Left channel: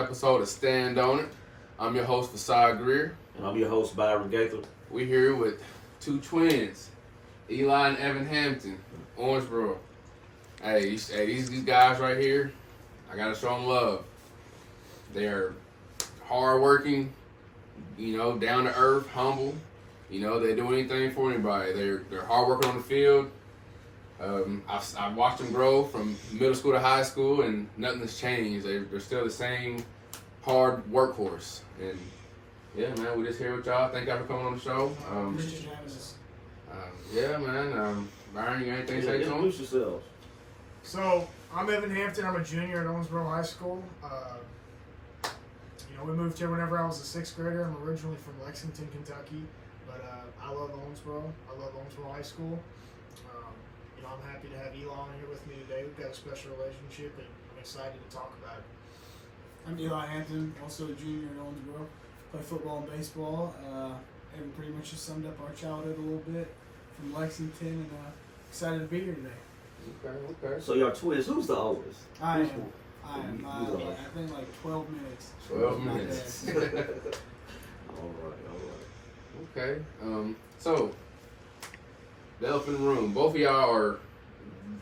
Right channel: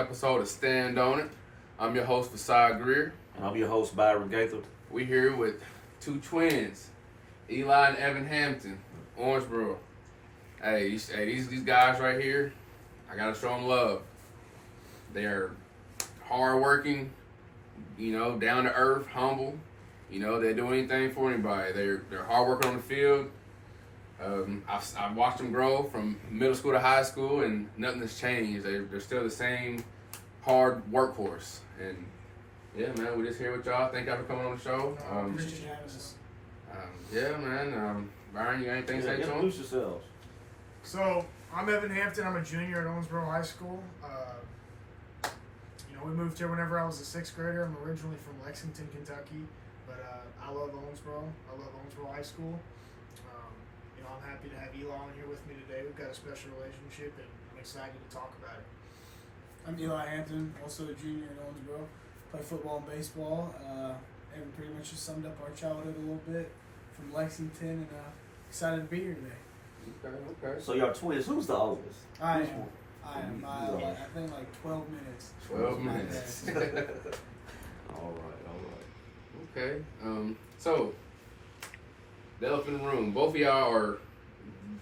episode of Stand On It. I'm your host, VaSaad Greer. And I'm your host, Byron Gaither. We here with two twins, Eli and Evan Hampton, Orangeboro. Hey, these guys right here, I gotta show them love. They're hardworking, down to earth, humble. They do anything for anybody. They're hard working on the field. I've watched them grow from middle school to high school, and nothing has changed. They're still the same hard workhorse. And yeah, man, we just here with y'all. Thank y'all for coming on the show. Yeah, man. Byron, you got anything to say to them? Introduce yourselves. So, I'm Evan Hampton. I'm a junior at Owensboro High School. We moved here whenever I was a sixth grader. I'm originally from Lexington, Kentucky, but I love Owensboro. I love Owensboro High School. I'm happy to have Eli on here with me today. We've got a special relationship, and I'm excited to talk about it. I'm Eli Hampton, also a junior in Owensboro. Play football and baseball. And pretty much just summed up our childhood a little bit from Lexington, and excited to be here today. Okay. So y'all twins. Who's the oldest? I am. I've been like 12 minutes. 12 minutes. All right. Okay. So, the elephant in the room. Both of y'all are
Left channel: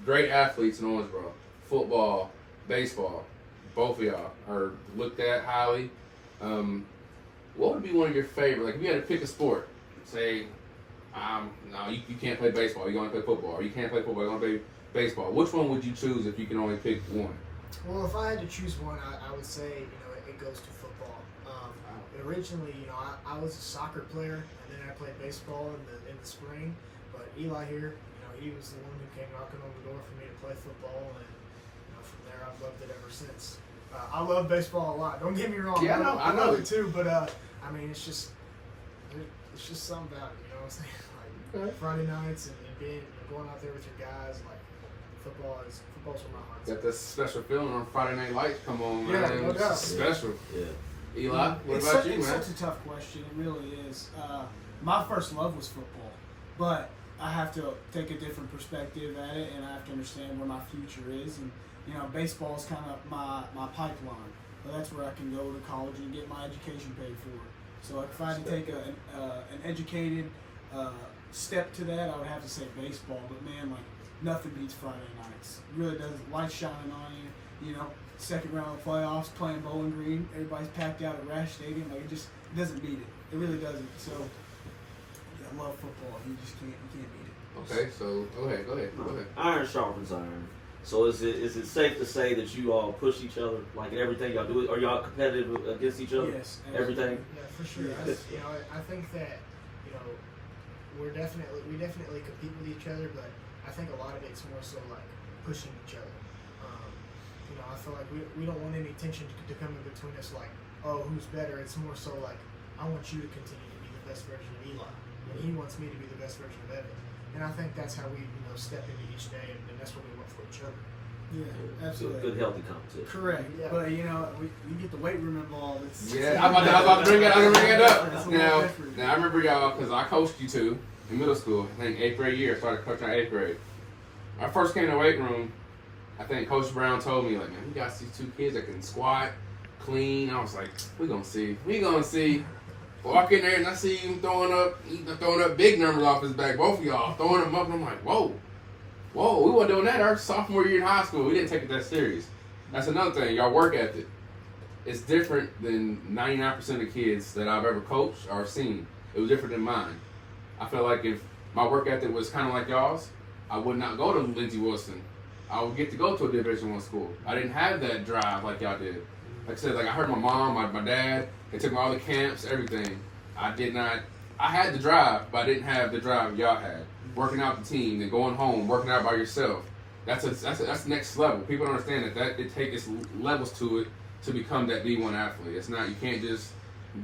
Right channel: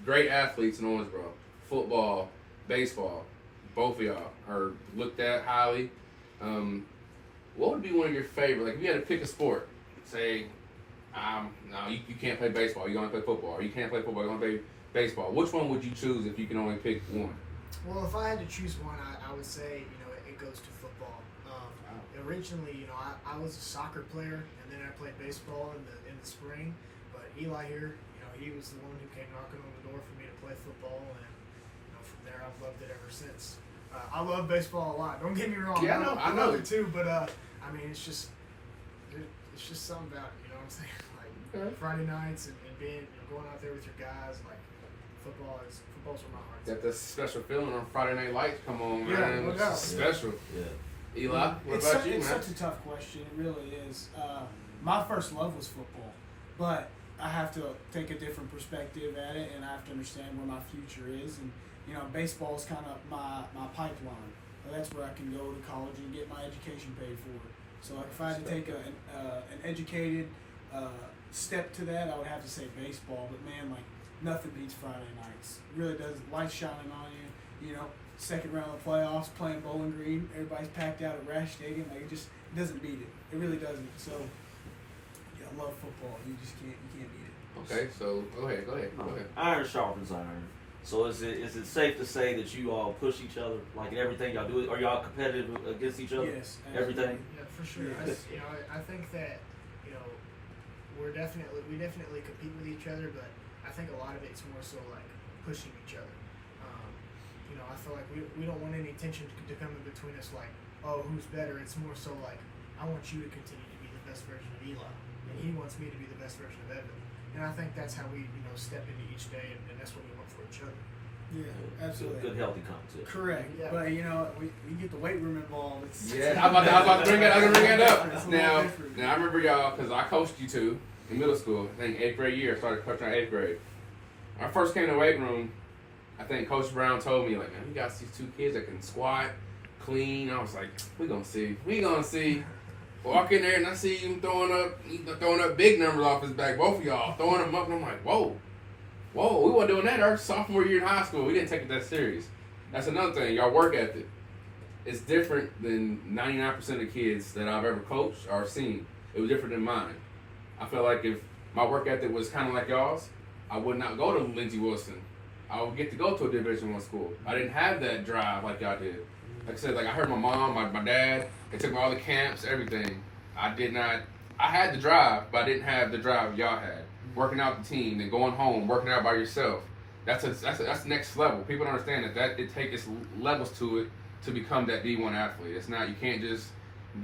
great athletes in Owensboro. Football, baseball. Both of y'all are looked at highly. What would be one of your favorite? Like, if you had to pick a sport, say, no, you can't play baseball. You can only play football. Or you can't play football. You can only play baseball. Which one would you choose if you can only pick one? Well, if I had to choose one, I would say, it goes to football. Originally, I was a soccer player, and then I played baseball in the spring. But Eli here, he was the one who came knocking on the door for me to play football, and from there I've loved it ever since. I love baseball a lot. Don't get me wrong. Yeah, I know it too. But it's just something about it. You know what I'm saying? Like Friday nights and being going out there with your guys. Like football's where my heart's Got that special feeling on Friday Night Lights. Come on, man. Yeah, no doubt. It's special. Yeah. Eli, what It's about you, man? such a tough question. It really is. My first love was football, but I have to take a different perspective at it, and I have to understand where my future is. And baseball is kind of my pipeline. But that's where I can go to college and get my education paid for. So like if I had to take an educated step to that, I would have to say baseball. But man, like nothing beats Friday nights. It really does. Lights shining on you. Second round of the playoffs, playing Bowling Green. Everybody's packed out at Rash Stadium. Like it doesn't beat it. It really doesn't. So yeah, I love football. You can't beat it. Okay, so go ahead. Iron sharpens iron. So is it safe to say that you all push each other like in everything y'all do? Are y'all competitive against each other? Yes. Everything. Yeah, for sure. Yes. I think that we definitely compete with each other, but I think a lot of it's more so like pushing each other. I feel like we don't want any tension to come in between us. Like, oh, who's better? It's more so like I want you to continue to be the best version of Eli, and he wants me to be the best version of Evan. And I think that's how we step into each day, and that's what we want for each other. Yeah, absolutely. Good healthy competition. Correct. Yeah. But we get the weight room involved. Yeah, I was about to bring that up. It's a little Now different. I remember y'all because I coached you two in middle school. I think 8th grade year. I started coaching in 8th grade. When I first came in the weight room, I think Coach Brown told me, like, man, we got these two kids that can squat, clean. I was like, we gonna see. Walk in there and I see him throwing up big numbers off his back. Both of y'all throwing them up, and I'm like, whoa. We weren't doing that our sophomore year in high school. We didn't take it that serious. That's another thing. Y'all work ethic. It's different than 99% of kids that I've ever coached or seen. It was different than mine. I feel like if my work ethic was kind of like y'all's, I would not go to Lindsey Wilson. I would get to go to a Division I school. I didn't have that drive like y'all did. Like I said, I heard my mom, my dad, they took me all the camps, everything. I had the drive, but I didn't have the drive y'all had. Working out the team and going home, working out by yourself. That's next level. People don't understand that it takes levels to it to become that D1 athlete. It's not, you can't just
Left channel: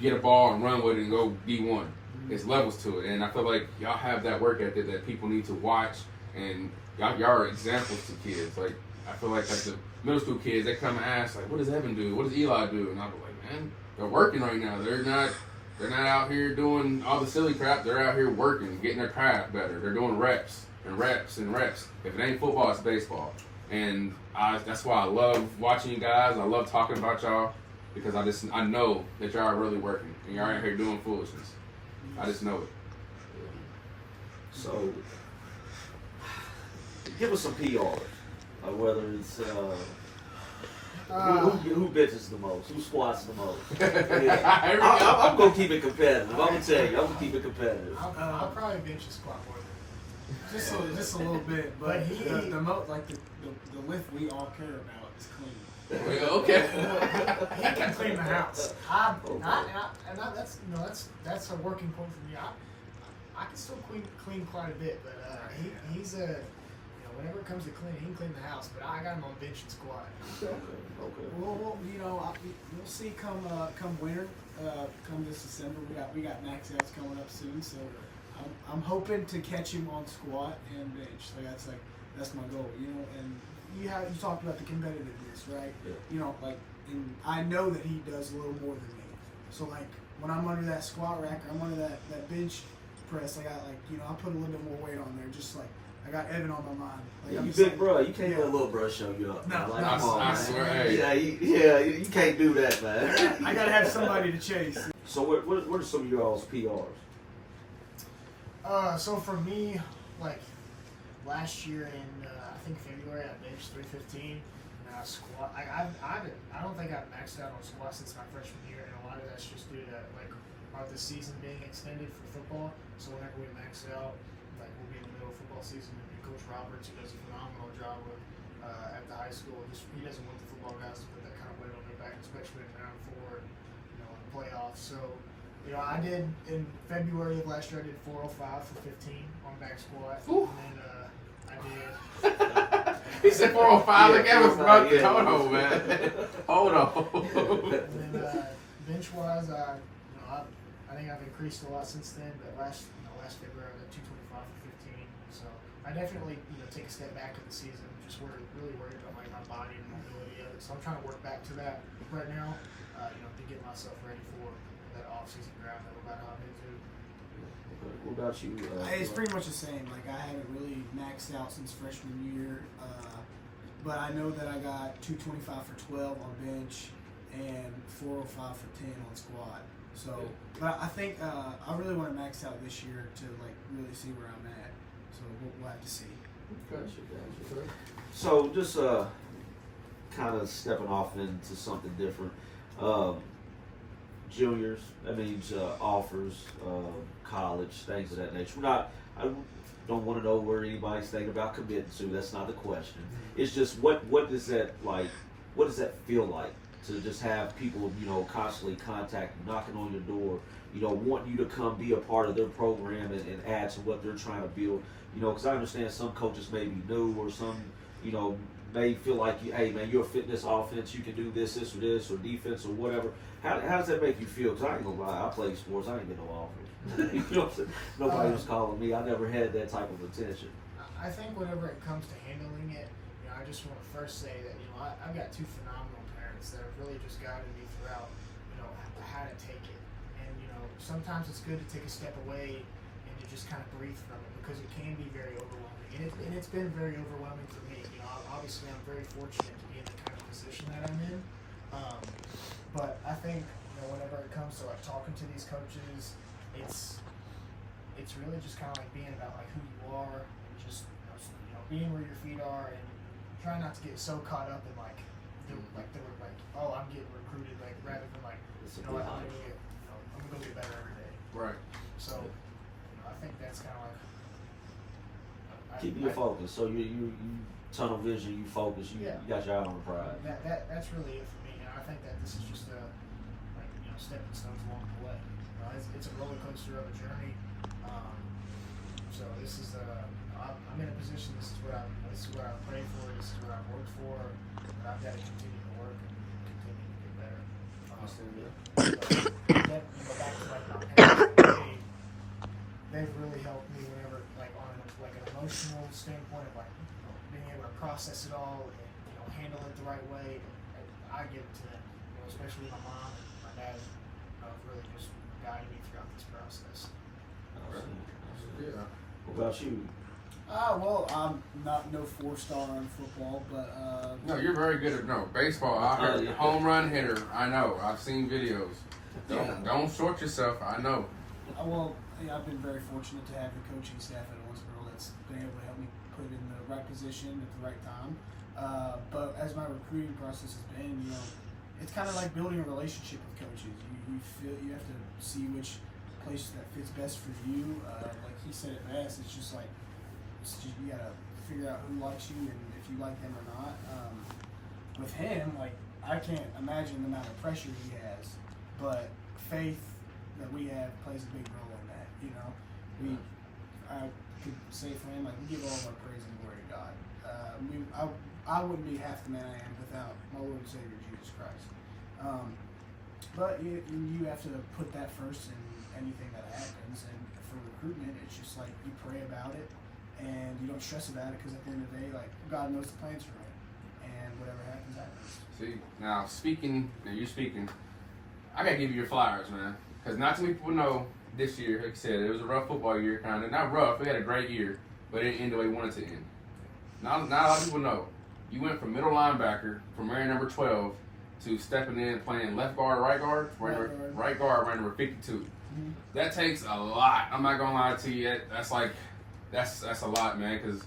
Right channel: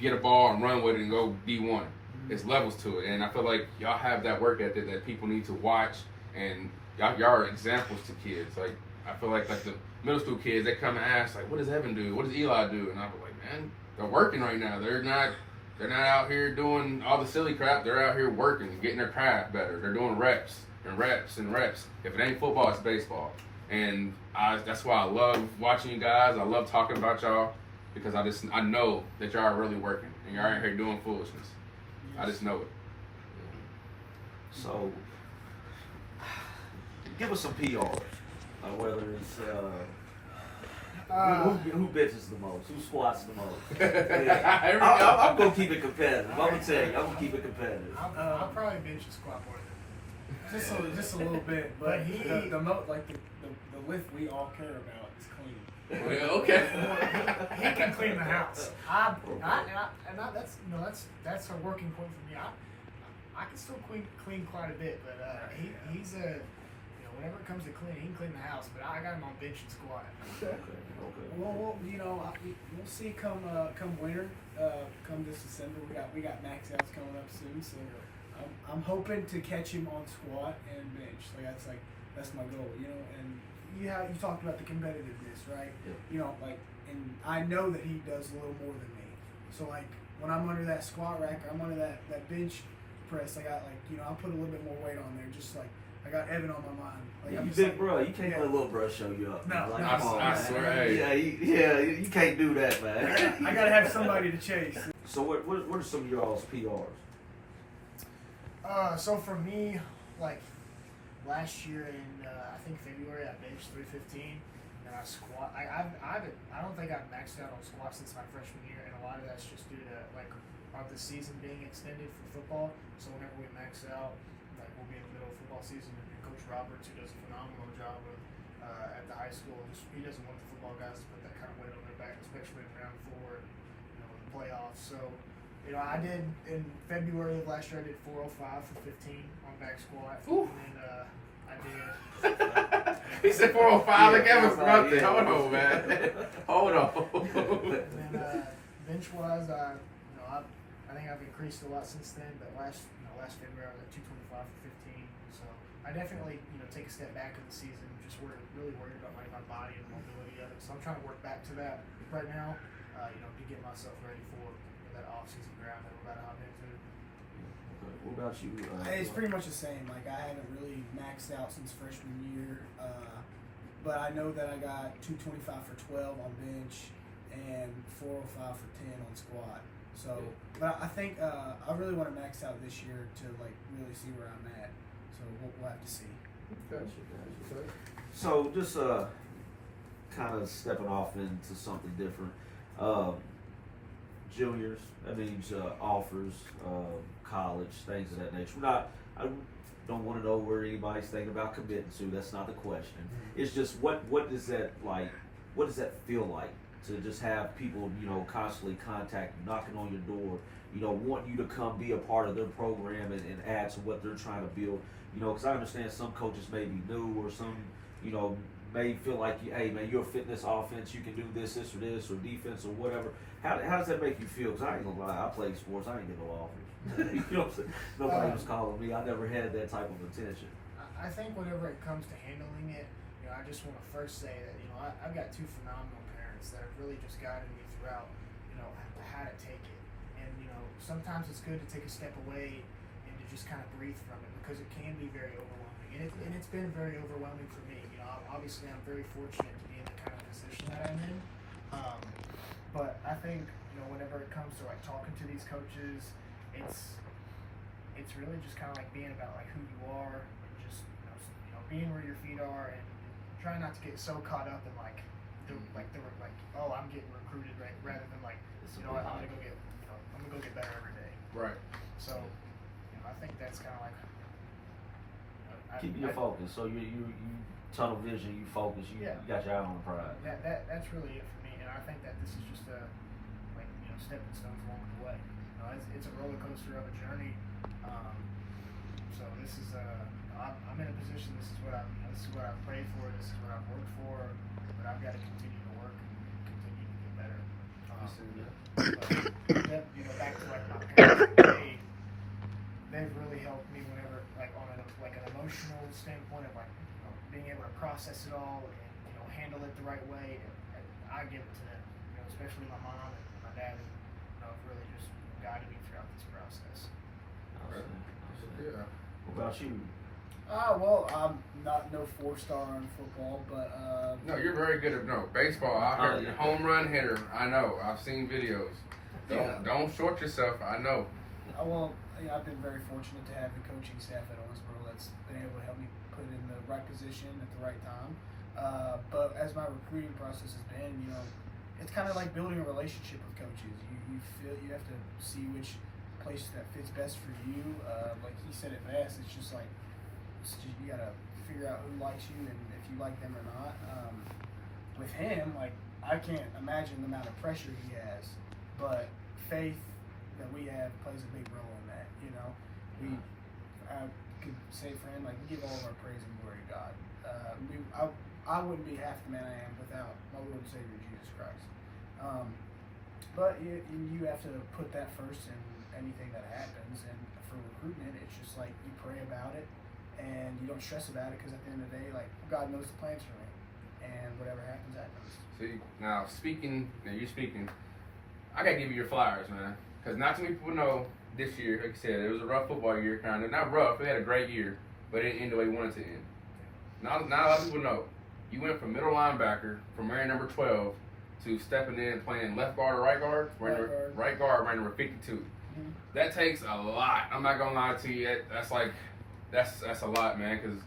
get a ball and run with it and go D1. There's levels to it. And I feel like y'all have that work ethic that people need to watch, and y'all are examples to kids. Like, I feel like the middle school kids, they come and ask, like, what does Evan do? What does Eli do? And I'm like, man, they're working right now. They're not out here doing all the silly crap. They're out here working, getting their craft better. They're doing reps and reps and reps. If it ain't football, it's baseball. And that's why I love watching you guys. I love talking about y'all. because I know that y'all are really working and y'all ain't here doing foolishness. I just know it. So, give us some PR. Whether it's who bitches the most, who squats the most. I'm gonna keep it competitive. I'm gonna tell you, I'm gonna keep it competitive. I'll probably bench a squat more than just a little bit, but But he- the lift we all care about is clean. Well, okay. he can clean the house. That's a working point for me. I can still clean quite a bit, but he's a whenever it comes to cleaning, he can clean the house. But I got him on bench and squat. Okay. Well, we'll see come winter, come this December. We got max outs coming up soon, so I'm hoping to catch him on squat and bench. That's my goal, And you talked about the competitiveness, right? Yeah. And I know that he does a little more than me. So when I'm under that squat rack, or I'm under that bench press, I put a little bit more weight on there, just like. I got Evan on my mind. You big bro, you can't let little bro show you up. No, man. no, Come on, I man. swear, Yeah, you can't do that, man. I gotta have somebody to chase. So what are some of y'all's PRs? So for me, last year in I think February, I benched 315, and I squat. I don't think I've maxed out on squat since my freshman year, and a lot of that's just due to the season being extended for football. So whenever we max out, we'll be in the middle of football season, and Coach Roberts, who does a phenomenal job with at the high school, he doesn't want the football guys to put that kind of weight on their back, especially in round 4, in the playoffs. So. I did in February of last year. I did 405 for 15 on back squat, Ooh. and then I did. He said 405. Look at us, bro. Yeah. Hold on, man. Hold on. And then bench wise, I think I've increased a lot since then. But last February I was at 225 for 15. So I definitely take a step back in the season. Just really worried about my body and mobility of it. So I'm trying to work back to that right now. To get myself ready for that off-season draft that we're about to hop into. What about you? It's pretty much the same. I haven't really maxed out since freshman year, but I know that I got 225 for 12 on bench and 405 for 10 on squat. So, but I think I really want to max out this year to really see where I'm at. So we'll have to see. Gotcha. So just kind of stepping off into something different. Juniors, that means offers, college, things of that nature. I don't want to know where anybody's thinking about committing to. That's not the question. It's just what does that like? What does that feel like to just have people constantly contact you, knocking on your door, want you to come be a part of their program and add to what they're trying to build. Because I understand some coaches may be new or some may feel like hey man, you're a fitness offense, you can do this or defense or whatever. How does that make you feel? Because I ain't gonna lie, I play sports, I ain't get no offers. You know what I'm saying? Nobody was calling me. I never had that type of attention. I think whenever it comes to handling it, I just want to first say that I've got 2 phenomenal parents that have really just guided me throughout how to take it. And sometimes it's good to take a step away and to just kind of breathe from it, because it can be very overwhelming. And it's been very overwhelming for me. Obviously I'm very fortunate to be in the kind of position that I'm in. But I think whenever it comes to talking to these coaches, it's really just kind of being about who you are, and just being where your feet are, and trying not to get so caught up in oh, I'm getting recruited, rather than I'm gonna go get better every day. Right. So I think that's kind of Keep your focus. So you tunnel vision, you focus, you got your eye on the prize. That's really it for me, and I think that this is just stepping stones along the way. It's a roller coaster of a journey. So this is I'm in a position. This is what I've prayed for. This is what I've worked for. But I've got to continue to work and continue to get better. But back to my parents, they've really helped me whenever on an emotional standpoint of being able to process it all and handle it the right way. And I give it to them. Especially my mom and my dad. Have really just guided me throughout this process. Awesome. Yeah. What about you? Well, I'm not no 4-star in football, but No, you're very good at baseball. I heard home run hitter. I know. I've seen videos. Don't short yourself. I know. I've been very fortunate to have the coaching staff at Owensboro that's been able to help me put in the right position at the right time. But as my recruiting process has been, it's kind of like building a relationship with coaches. You feel you have to see which place that fits best for you. Like he said it best, it's just like you gotta figure out who likes you and if you like them or not. With him, like I can't imagine the amount of pressure he has, but faith that we have plays a big role in that. I could say for him, like we give all of our praise and glory to God. I wouldn't be half the man I am without my Lord and Savior Jesus Christ. But you have to put that first in anything that happens. And for recruitment, it's just like you pray about it and you don't stress about it because at the end of the day, like God knows the plans for me, and whatever happens, happens. See, now you're speaking. I gotta give you your flowers, man, because not too many people know this year. Like you said, it was a rough football year, kind of not rough. We had a great year, but it didn't end the way we wanted to end. Not a lot of people know. You went from middle linebacker, from wearing number 12, to stepping in and playing left guard or right guard? Right guard, wearing number 52. Mm-hmm. That takes a lot. I'm not gonna lie to you. That's a lot, man, because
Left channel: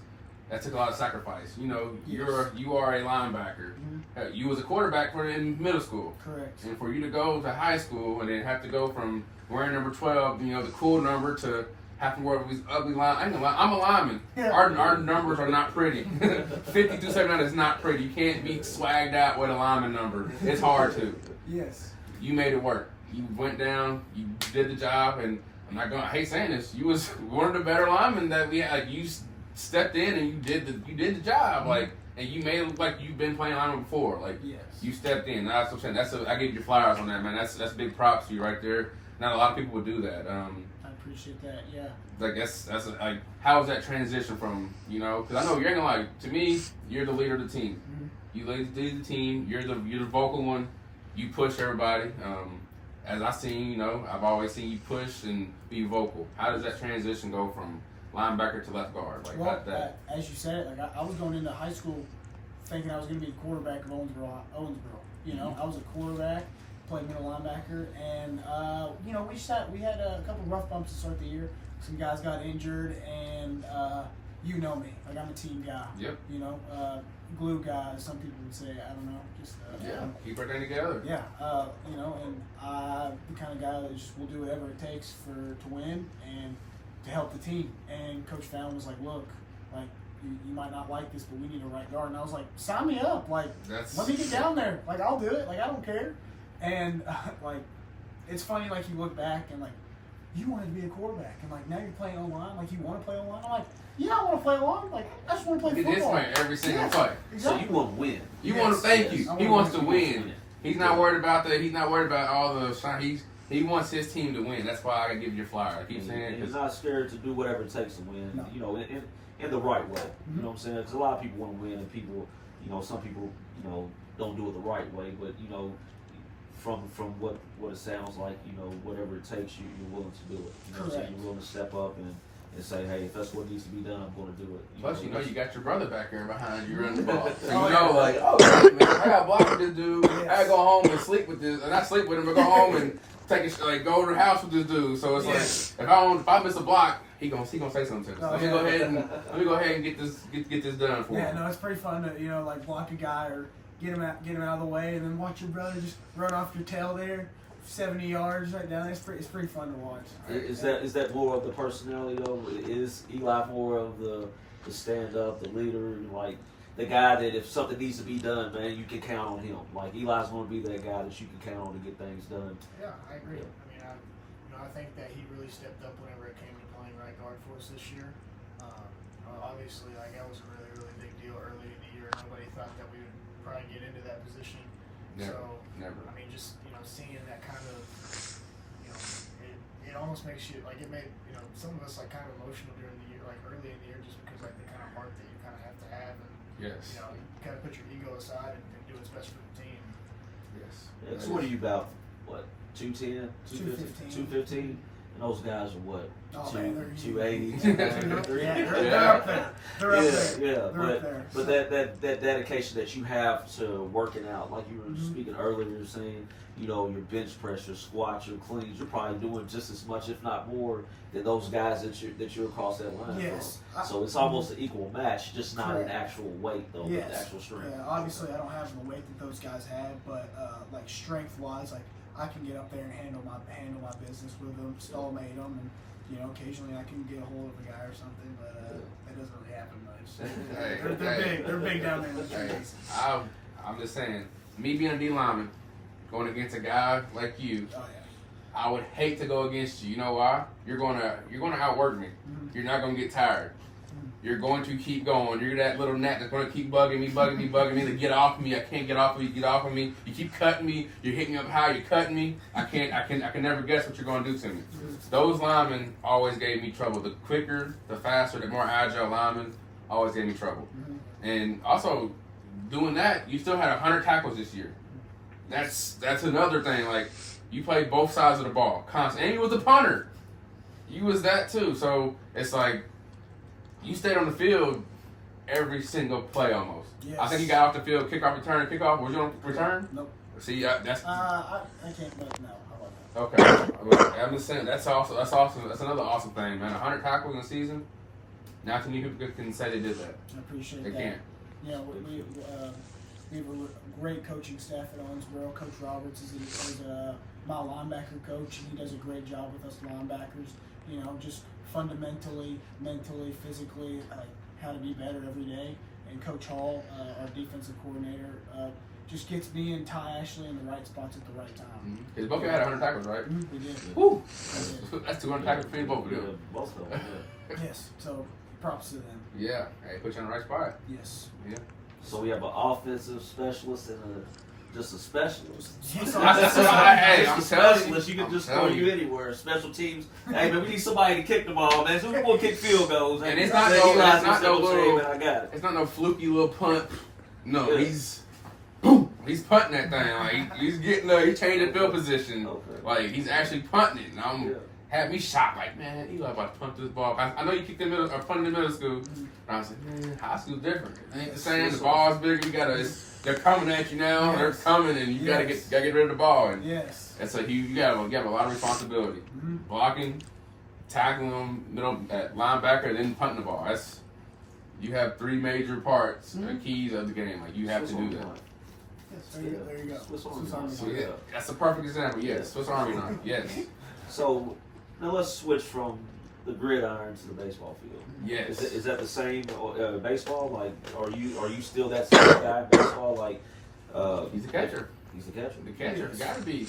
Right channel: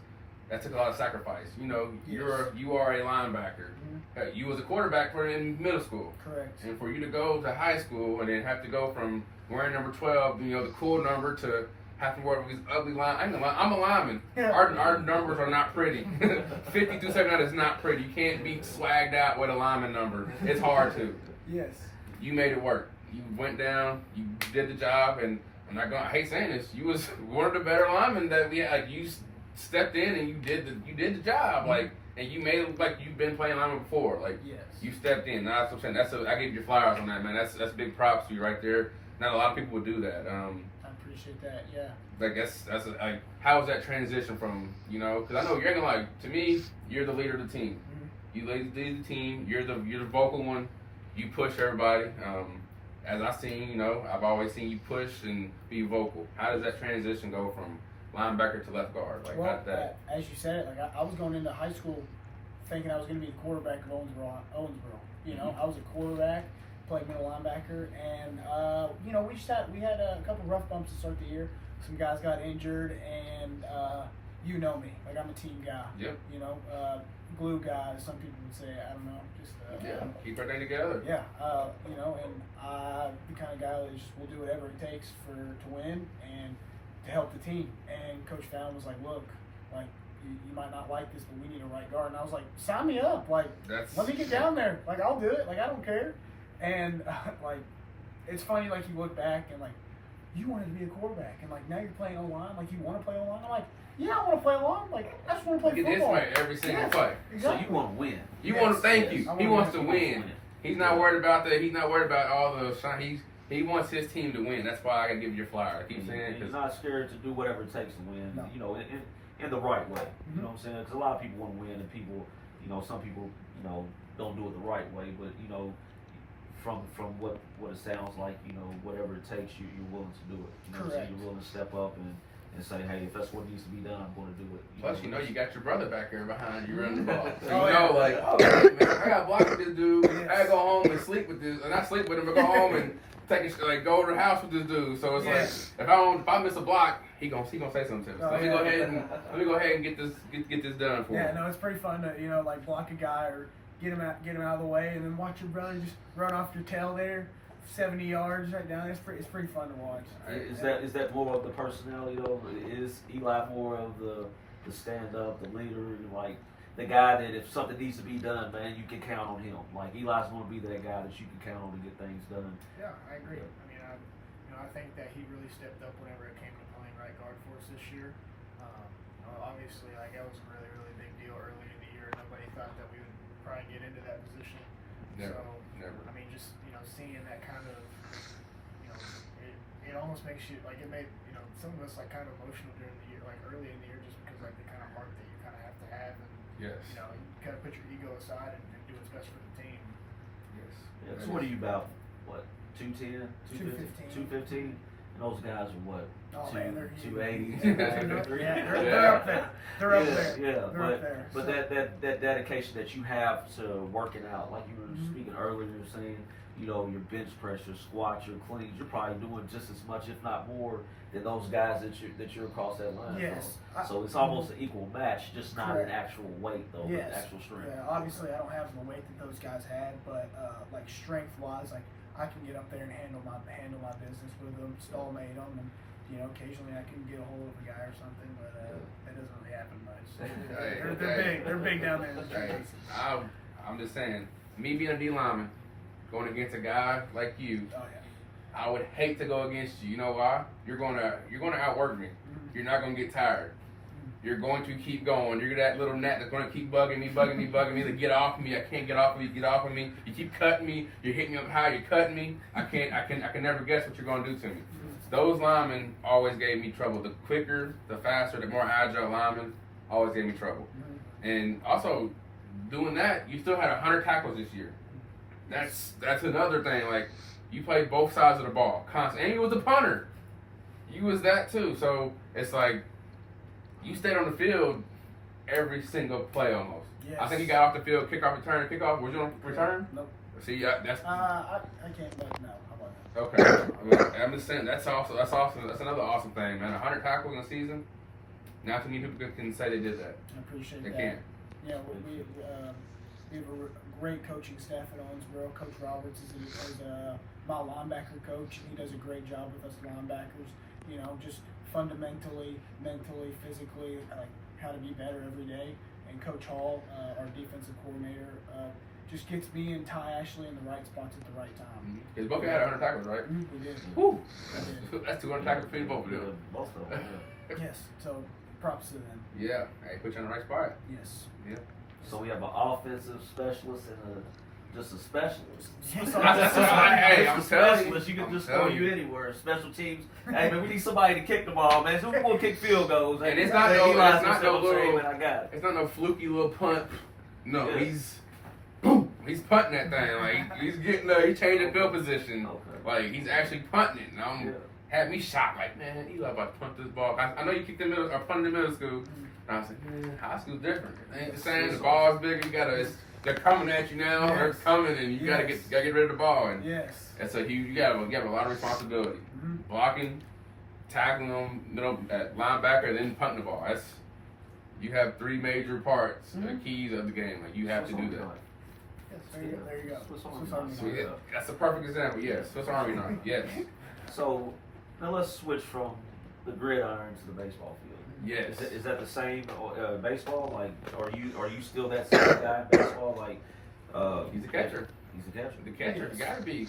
that took a lot of sacrifice. You are a linebacker. Mm-hmm. You was a quarterback in middle school. Correct. And for you to go to high school and then have to go from wearing number 12, the cool number, to have to wear these ugly lines. I'm a lineman. Yeah. Our numbers are not pretty. 5279 is not pretty. You can't be swagged out with a lineman number. It's hard to. Yes. You made it work. You went down. You did the job, and I hate saying this. You was one of the better linemen that we had. Like you stepped in and you did the job. Like, and you made it look like you've been playing lineman before. Like, yes. You stepped in. That's what I'm saying. I give you flowers on that, man. That's big props to you right there. Not a lot of people would do that. I appreciate that. Yeah. Like how was that transition from because I know you're gonna to me you're the leader of the team. Mm-hmm. You lead the team. You're the vocal one. You push everybody. As I seen, I've always seen you push and be vocal. How does that transition go from linebacker to left guard? As you said it, like I was going into high school thinking I was going to be the quarterback of Owensboro. I was a quarterback, played middle linebacker, and we had a couple rough bumps to start the year. Some guys got injured, and you know me, like I'm a team guy. Yep. Glue guy, some people would say. I don't know, just keep everything together. Yeah, and I'm the kind of guy that just will do whatever it takes to win and to help the team. And Coach Fallon was like, look, like you might not like this, but we need a right guard. And I was like, sign me up. Like, let me get down there. Like, I'll do it. Like, I don't care. And like, it's funny. Like, you look back and like, you wanted to be a quarterback, and like now you're playing O-line. Like, you want to play O-line. I'm like, yeah, I want to play O-line. Like, I just want to play football. This way every single play. Exactly. So you want to win. You want to thank you. He wants to win. He's not worried about that. He's not worried about all the shine. He wants his team to win. That's why I gotta give you a flyer. I keep saying he's not scared to do whatever it takes to win. No. In the right way. Mm-hmm. You know what I'm saying? Because a lot of people want to win, and people, some people, don't do it the right way. But from what it sounds like, whatever it takes, you're willing to do it. Correct. You're willing to step up and say, hey, if that's what needs to be done, I'm going to do it. Plus, you got your brother back there behind you running the ball. So man, I got blocked with this dude. Yes. I gotta go home and sleep with this, and not sleep with him, but go home and go to the house with this dude. So it's like if I miss a block, he gonna say something to us. Let me go ahead and get this done for him. Yeah, no, it's pretty fun to block a guy or get him out of the way, and then watch your brother just run off your tail there. 70 yards right down. It's pretty fun to watch. Is that more of the personality though? Is Eli more of the stand up, the leader, like the guy that if something needs to be done, man, you can count on him. Like Eli's going to be that guy that you can count on to get things done. Yeah, I agree. I mean, I think that he really stepped up whenever it came to playing right guard for us this year. Obviously, like that was a really, really big deal early in the year. Nobody thought that we would probably get into that position. Never. I mean, just seeing that kind of, it almost makes you like it made some of us like kind of emotional during the year, like early in the year, just because like the kind of heart that you kind of have to have, and you kind of put your ego aside and do what's best for the team. Yes. Yeah, so what are you about? What 210, 215? And those guys are what? Oh, man, they're 280. Yeah, they're up there. They're up there. Yeah, They're up there. but that dedication that you have to working out, like you were speaking earlier, saying, you know, your bench press, your squats, your cleans, you're probably doing just as much, if not more, than those guys that you're across that line Yes. from. So it's almost an equal match, just not Correct. an actual weight though, Yes. but actual strength. Yeah, obviously I don't have the weight that those guys had, but like strength wise, like I can get up there and handle my business with them, stallmate them, and you know occasionally I can get a hold of a guy or something, but that doesn't really happen much. They're big. They're big down there in the Hey, trees. I'm just saying, me being a D lineman, going against a guy like you, Oh yeah. I would hate to go against you. You know why? You're gonna outwork me. Mhm. You're not gonna get tired. You're going to keep going. You're that little gnat that's gonna keep bugging me to get off of me. I can't get off of you. Get off of me. You keep cutting me. You're hitting me up high. You're cutting me. I can never guess what you're gonna do to me. Those linemen always gave me trouble. The quicker, the faster, the more agile linemen always gave me trouble. And also, doing that, you still had 100 tackles this year. That's another thing. Like, you played both sides of the ball constantly, and you was the punter. You was that too. So it's like you stayed on the field every single play almost. Yes. I think you got off the field, kickoff, return, kickoff. Was you on return? Nope. See, that's I can't. But no. How about that? okay. I'm just saying that's awesome. That's awesome. That's another awesome thing, man. 100 tackles in a season. Not too many people can say they did that. I appreciate They that. can't. Yeah, we have a great coaching staff at Owensboro. Coach Roberts is my linebacker coach, and he does a great job with us linebackers. You know, just fundamentally, mentally, physically, like how to be better every day. And Coach Hall, our defensive coordinator, just gets me and Ty Ashley in the right spots at the right time. Because both of you had 100 tackles, right? We did. Woo! We did. That's 200 tackles for you, both of Yeah, them. both of them. Yeah. Yes. So props to them. Yeah. Hey, put you in the right spot. Yes. Yeah. So we have an offensive specialist and just a specialist. Hey, Just I'm a telling you. specialist. You can I'm just telling throw you you. anywhere. Special teams. Hey man, we need somebody to kick the ball, man. So we're gonna kick field goals. And Hey, it's not hey, no- Eli's it's not no gonna say, little- man, I got it. It's not no fluky little punt. No, Yeah. he's boom. He's punting that thing. Like he's getting he's changing field position. Okay. Like he's actually punting it. And Yeah. had me shocked. Like, man, Eli about to punt this ball. I know you kicked in middle or punted in middle school. And I was like, man, high school's different. It ain't the same. The ball's bigger. You gotta. They're coming at you now. They're Yes. coming, and you gotta Yes. get rid of the ball. And Yes. that's a huge. You have a lot of responsibility. Blocking, tackling them, middle at linebacker, and then punting the ball. You have three major parts, the keys of the game. Like you have to do that. There you go. Swiss Army Swiss Army knife. So knife. yeah, that's a perfect example. Yes, Swiss Army knife. Yes, So now let's switch from the gridiron to the baseball field. yes. Is that the same baseball? Like, are you still that same guy in baseball? Like, He's a catcher. He's a catcher. The catcher. You gotta be.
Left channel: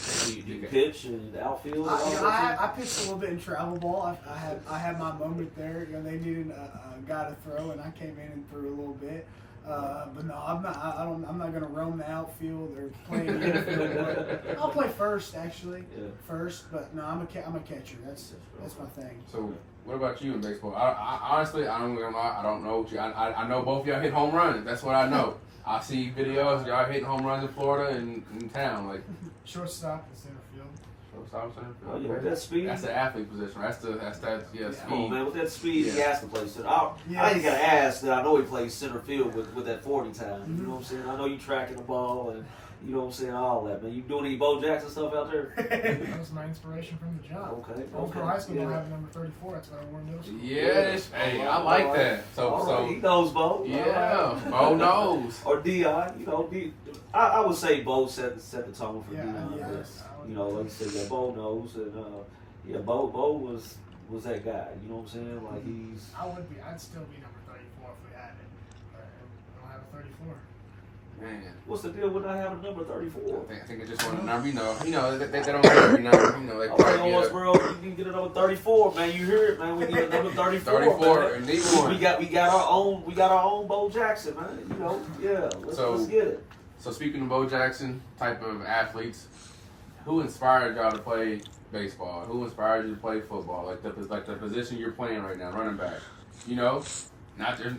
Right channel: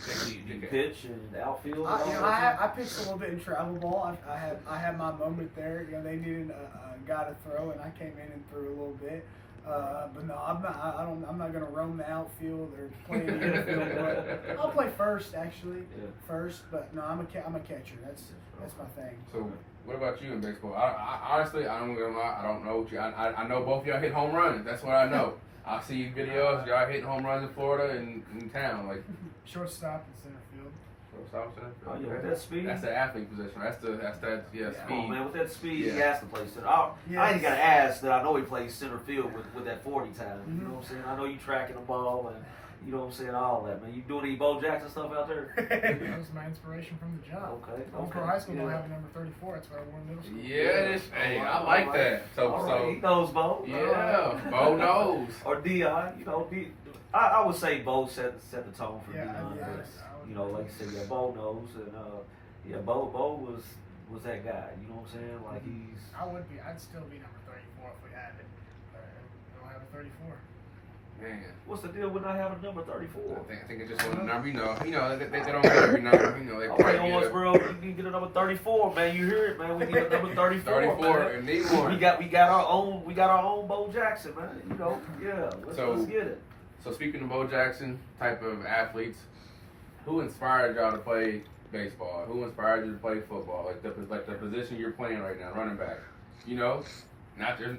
You pitch and outfield. and all You know, that I pitched a little bit in travel ball. I had my moment there. You know, they needed a guy to throw, and I came in and threw a little bit. But no, I'm not. I'm not gonna roam the outfield or play in the infield. I'll play first, actually. Yeah. First, but no, I'm a catcher. That's my thing. So, what about you in baseball? I honestly, I'm gonna lie. I don't know what you. I know both of y'all hit home runs. That's what I know. I see videos y'all hitting home runs in Florida and in town, like Shortstop and center field. shortstop center. Oh, yeah, with that speed. That's the athlete position. That's that. Yeah, Come on, speed. man. With that speed, he Yeah. has to play center. I ain't got to ask that. I know he plays center field with that 40 time. You know what I'm saying? I know you tracking the ball and you know what I'm saying, all that, man. You doing any Bo Jackson stuff out there? That was my inspiration from the job. Okay. Old Pro High School don't have a number 34. That's why I wore middle school. Yes. Hey, I like that. All right, he knows Bo. Yeah, Bo knows. Or Dion, you know, I would say Bo set the tone for Yeah, Dion. yeah. You know, like you said, yeah, Bo knows, and Bo was that guy. You know what I'm saying? Like I'd still be number 34 if we had it. But we don't have a 34. Man. what's the deal with not having number 34? I think it's just one number. You know, they don't get every number. You know, they Okay, probably on us, get bro. You can get a number 34, man. You hear it, man. We need a number 34. 34 man. and need one. We got our own Bo Jackson, man. You know, yeah. Let's get it. So speaking of Bo Jackson type of athletes, who inspired y'all to play baseball? Who inspired you to play football? Like the position you're playing right now, running back. You know, not just.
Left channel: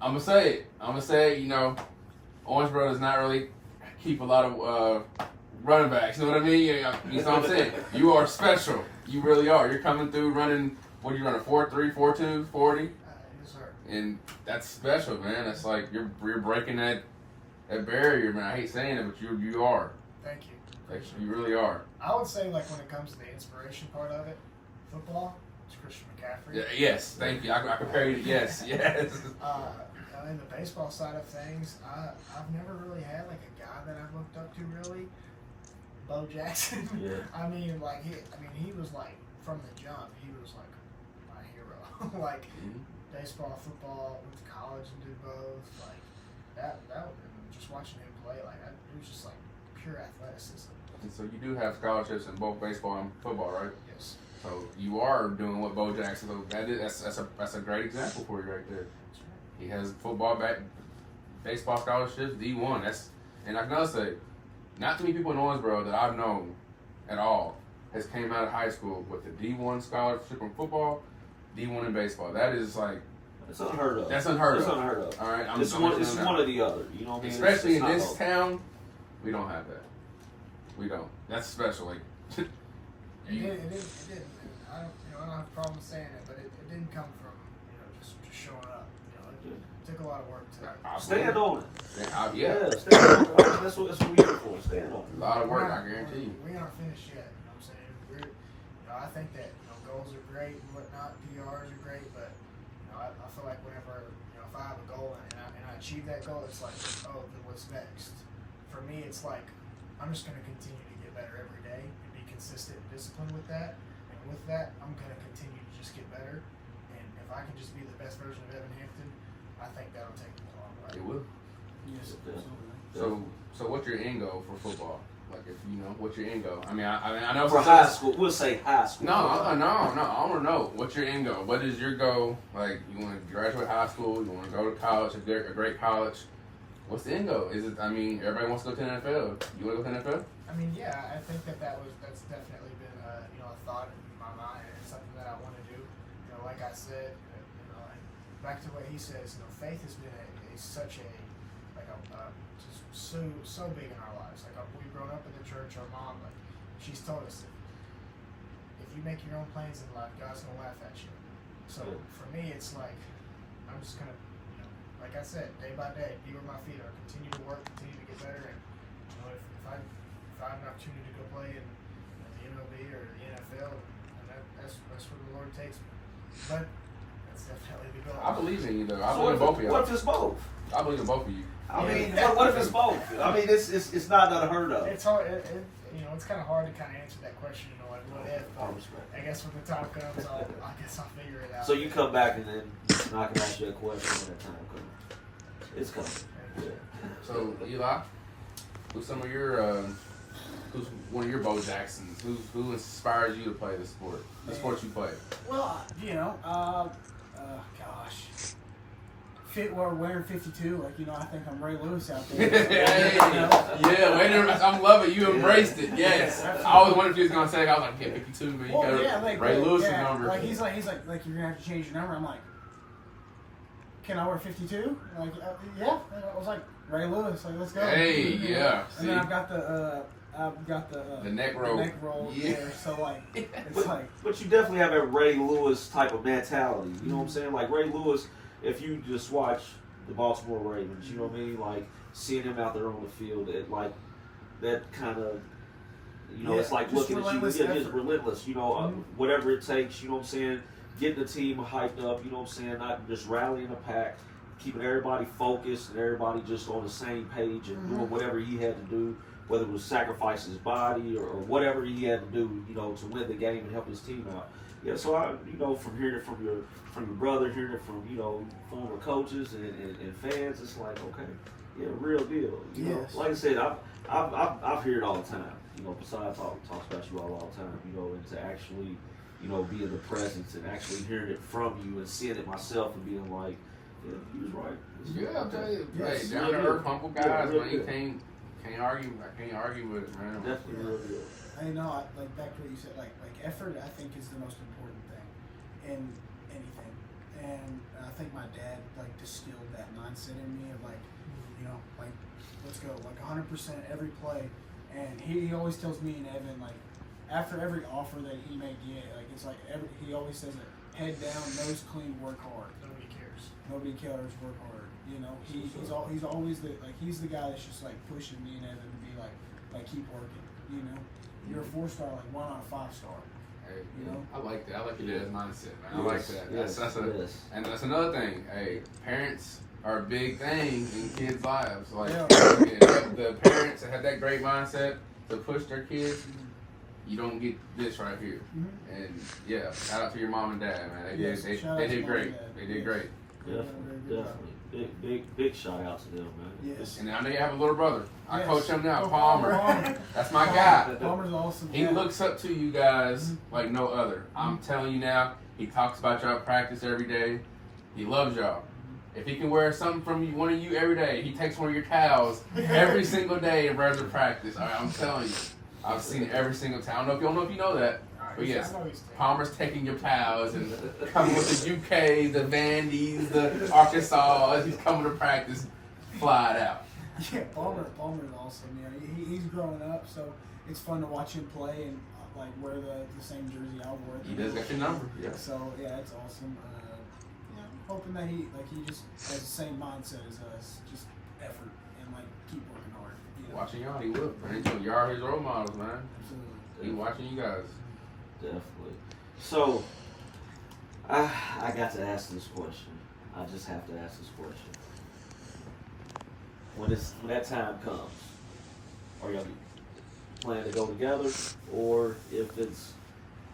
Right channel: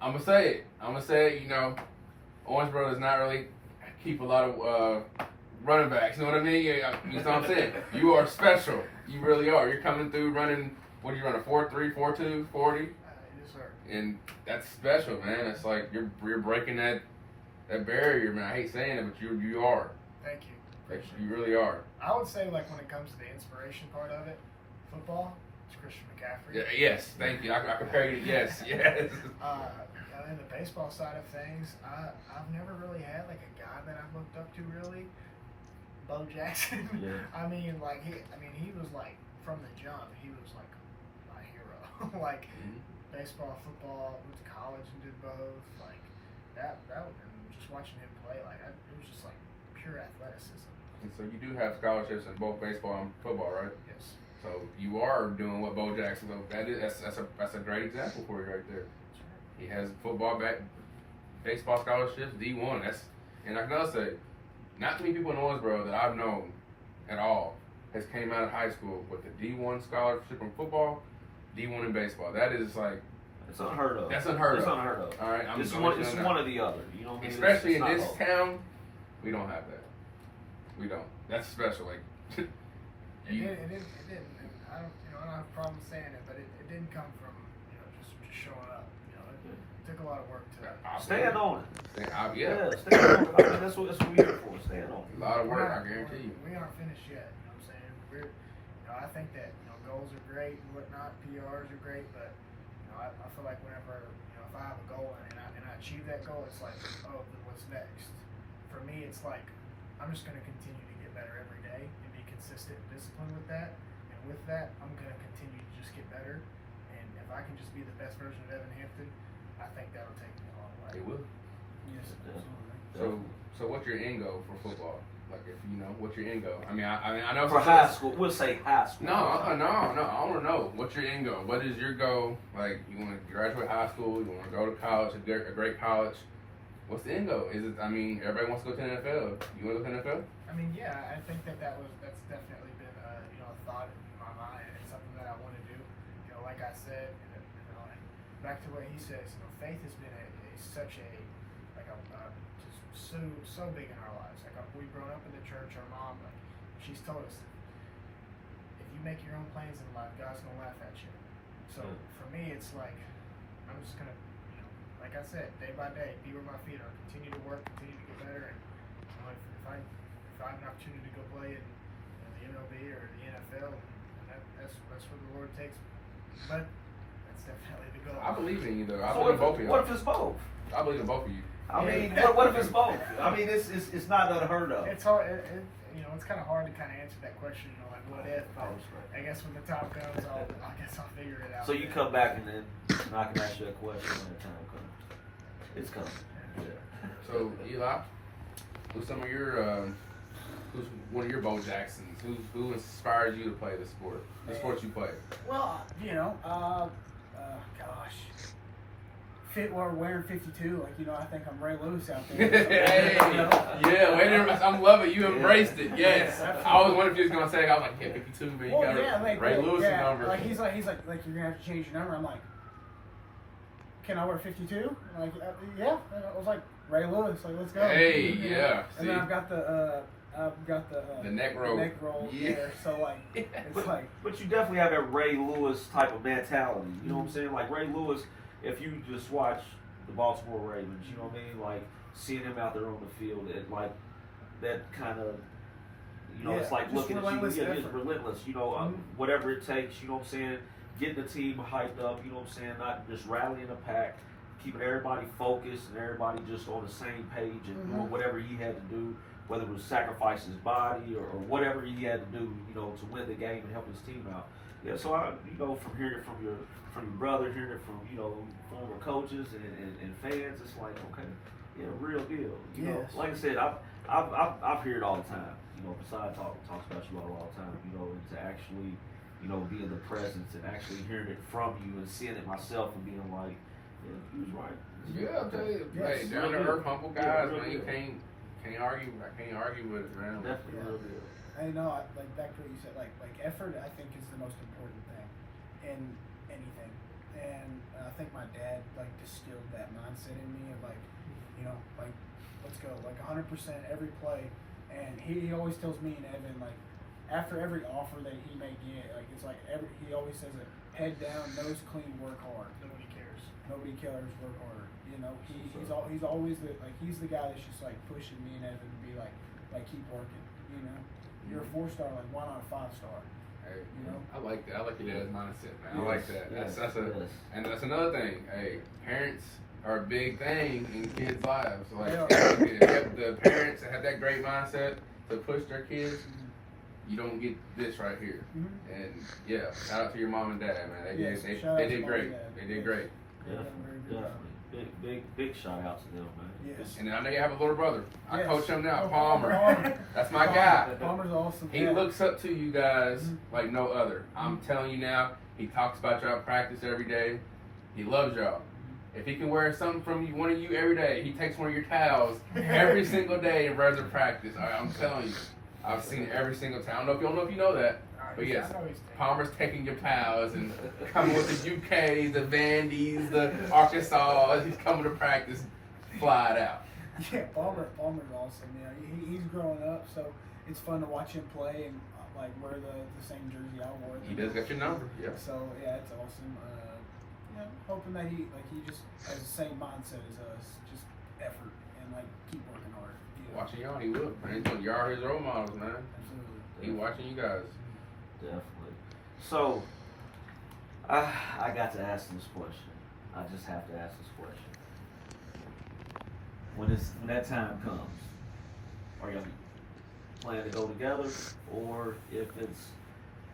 I'm gonna say it. You know, Owensboro does not really keep a lot of running backs. You know what I mean? Yeah, you know what I'm saying? You are special. You really are. You're coming through running. What do you run? A 4.3, 4.2, 40, Yes, sir. and that's special, man. That's like you're breaking that barrier, man. I hate saying it, but you are. Thank you. Like, you really are. I would say, like, when it comes to the inspiration part of it, football, it's Christian McCaffrey. Yeah, yes, thank you. I compared it. Yes. In the baseball side of things, I've never really had like a guy that I've looked up to really. Bo Jackson. Yeah. I mean, he was like from the jump. He was like my hero. Like baseball, football, went to college and did both. Like that. And just watching him play, it was just like pure athleticism. And so you do have scholarships in both baseball and football, right? Yes. So you are doing what Bo Jackson. So that's a great example for you right there. That's right. He has football baseball scholarships, D1. And I'm gonna say, not too many people in Owensboro that I've known at all has came out of high school with a D1 scholarship in football, D1 in baseball. That is like It's unheard of. That's unheard It's of. unheard of. All right, It's one or the other. You know what I mean? Especially It's in not this local. town, we don't have that. We don't. That's special. Like It didn't. I don't have a problem saying it, but it didn't come from just showing up. It took a lot of work to Stand on it. Yeah. Stand on it. I mean, that's what we're here for. Stand on A it. lot of work, I guarantee you. We aren't finished yet. You know what I'm saying? I think that goals are great and whatnot. PRs are great, but I feel like whenever if I have a goal and I achieve that goal, it's like, oh, then what's next? For me, it's like I'm just going to continue to get better every day and be consistent and disciplined with that. And with that, I'm going to continue to just get better. And if I can just be the best version of Evan Hampton, I think that'll take me a long way. It will. Yes, absolutely. So what's your end goal for football? Like, if what's your end goal? I mean, I know For high school, we'll say high school. No. I want to know what's your end goal. What is your goal? Like, you want to graduate high school? You want to go to college, a great college? What's the end goal? Is it? I mean, everybody wants to go to the NFL. You want to go to the NFL? I mean, yeah, I think that's definitely been a thought in my mind and something that I want to do. Like I said, and back to what he says, faith has been such a just so big in our lives. Like we've grown up in the church. Our mom, she's told us, if you make your own plans in life, God's gonna laugh at you. So for me, it's like I'm just gonna, like I said, day by day, be where my feet are. Continue to work, continue to get better, and if I have an opportunity to go play in the MLB or the NFL, and that's where the Lord takes me. But that's definitely the goal. I believe in you, though. I So believe in both of y'all. what if it's both? I believe in both of you. I mean, what if it's both? I mean, it's not unheard of. It's hard. It's kind of hard to kind of answer that question. Like what if? I guess when the time comes, I'll figure it out. So you come back and then I can ask you a question when the time comes. It's coming. Yeah. So Eli, who's who's one of your Bo Jacksons? Who inspires you to play the sport? The sport you play. Well, gosh. We're wearing 52, I think I'm Ray Lewis out there. I'm loving it. You embraced it. Yes. I always wondered if you was gonna say it. I was like, 52, but you got Ray Lewis number. He's like, you're gonna have to change your number. I'm like, can I wear 52? Like, yeah. I was like, Ray Lewis. Like, let's go. Hey, yeah. And then I've got the neck roll. The neck roll. Yeah. So But you definitely have a Ray Lewis type of mentality. You know what I'm saying? Like Ray Lewis. If you just watch the Baltimore Ravens, you know what I mean? Like, seeing him out there on the field, that kind of, it's like looking at you, just relentless, whatever it takes, you know what I'm saying? Getting the team hyped up, you know what I'm saying? Not just rallying the pack, keeping everybody focused and everybody just on the same page and doing whatever he had to do, whether it was sacrifice his body or whatever he had to do, to win the game and help his team out. Yeah, so from hearing it from your brother, hearing it from former coaches and fans, it's like, okay, yeah, real deal. You know, like I said, I've heard it all the time. Besides talks about you all the time. And to actually, be in the presence and actually hearing it from you and seeing it myself and being like, yeah, he was right. Yeah, I'll tell you, down to earth, humble guys, man, you can't argue. I can't argue with it, man. Definitely real deal. I know, like back to what you said, like effort, I think is the most important thing in anything. And I think my dad distilled that mindset in me of let's go, 100% every play. And he always tells me and Evan, after every offer that he may get, like it's like he always says it, head down, nose clean, work hard. Nobody cares. Nobody cares, work harder. You know, he's always he's the guy that's just like pushing me and Evan to be like keep working. You know, you're a 4-star, like why not a 5-star? Hey, You know? I like that. I like your dad's mindset, man. I Yes, like that. yes, yes. And that's another thing. Hey, parents are a big thing in kids' lives. Like They are. the parents that have that great mindset to push their kids, you don't get this right here. Mm-hmm. And yeah, shout out to your mom and dad, man. Yes, They shout out did to mom great. and dad. They did Yes. great. Definitely. Big shout out to them, man. Yes. And I know you have a little brother. I Yes. coach him now, Oh, Palmer. Palmer. That's my guy. Palmer's awesome. He Yeah. looks up to you guys like no other. I'm telling you now, he talks about y'all at practice every day. He loves y'all. If he can wear something from you, one of you every day, he takes one of your towels every single day and wears it practice. I'm telling you. I've seen it every single time. I don't know if you know that. But yes, Palmer's taking your towels and coming with the UK, the Vandy's, the Arkansas. He's coming to practice, fly it out. Yeah, Palmer's awesome. You know, he's growing up, so it's fun to watch him play and like wear the same jersey I wore. He does got your number. Yeah. So yeah, it's awesome. Yeah, hoping that he just has the same mindset as us, just effort and like keep working hard. You know? Watching y'all, he will. Man, you are his role models, man. Absolutely. He watching you guys. Definitely. So, I got to ask this question. I just have to ask this question. When that time comes, are y'all planning to go together, or if it's,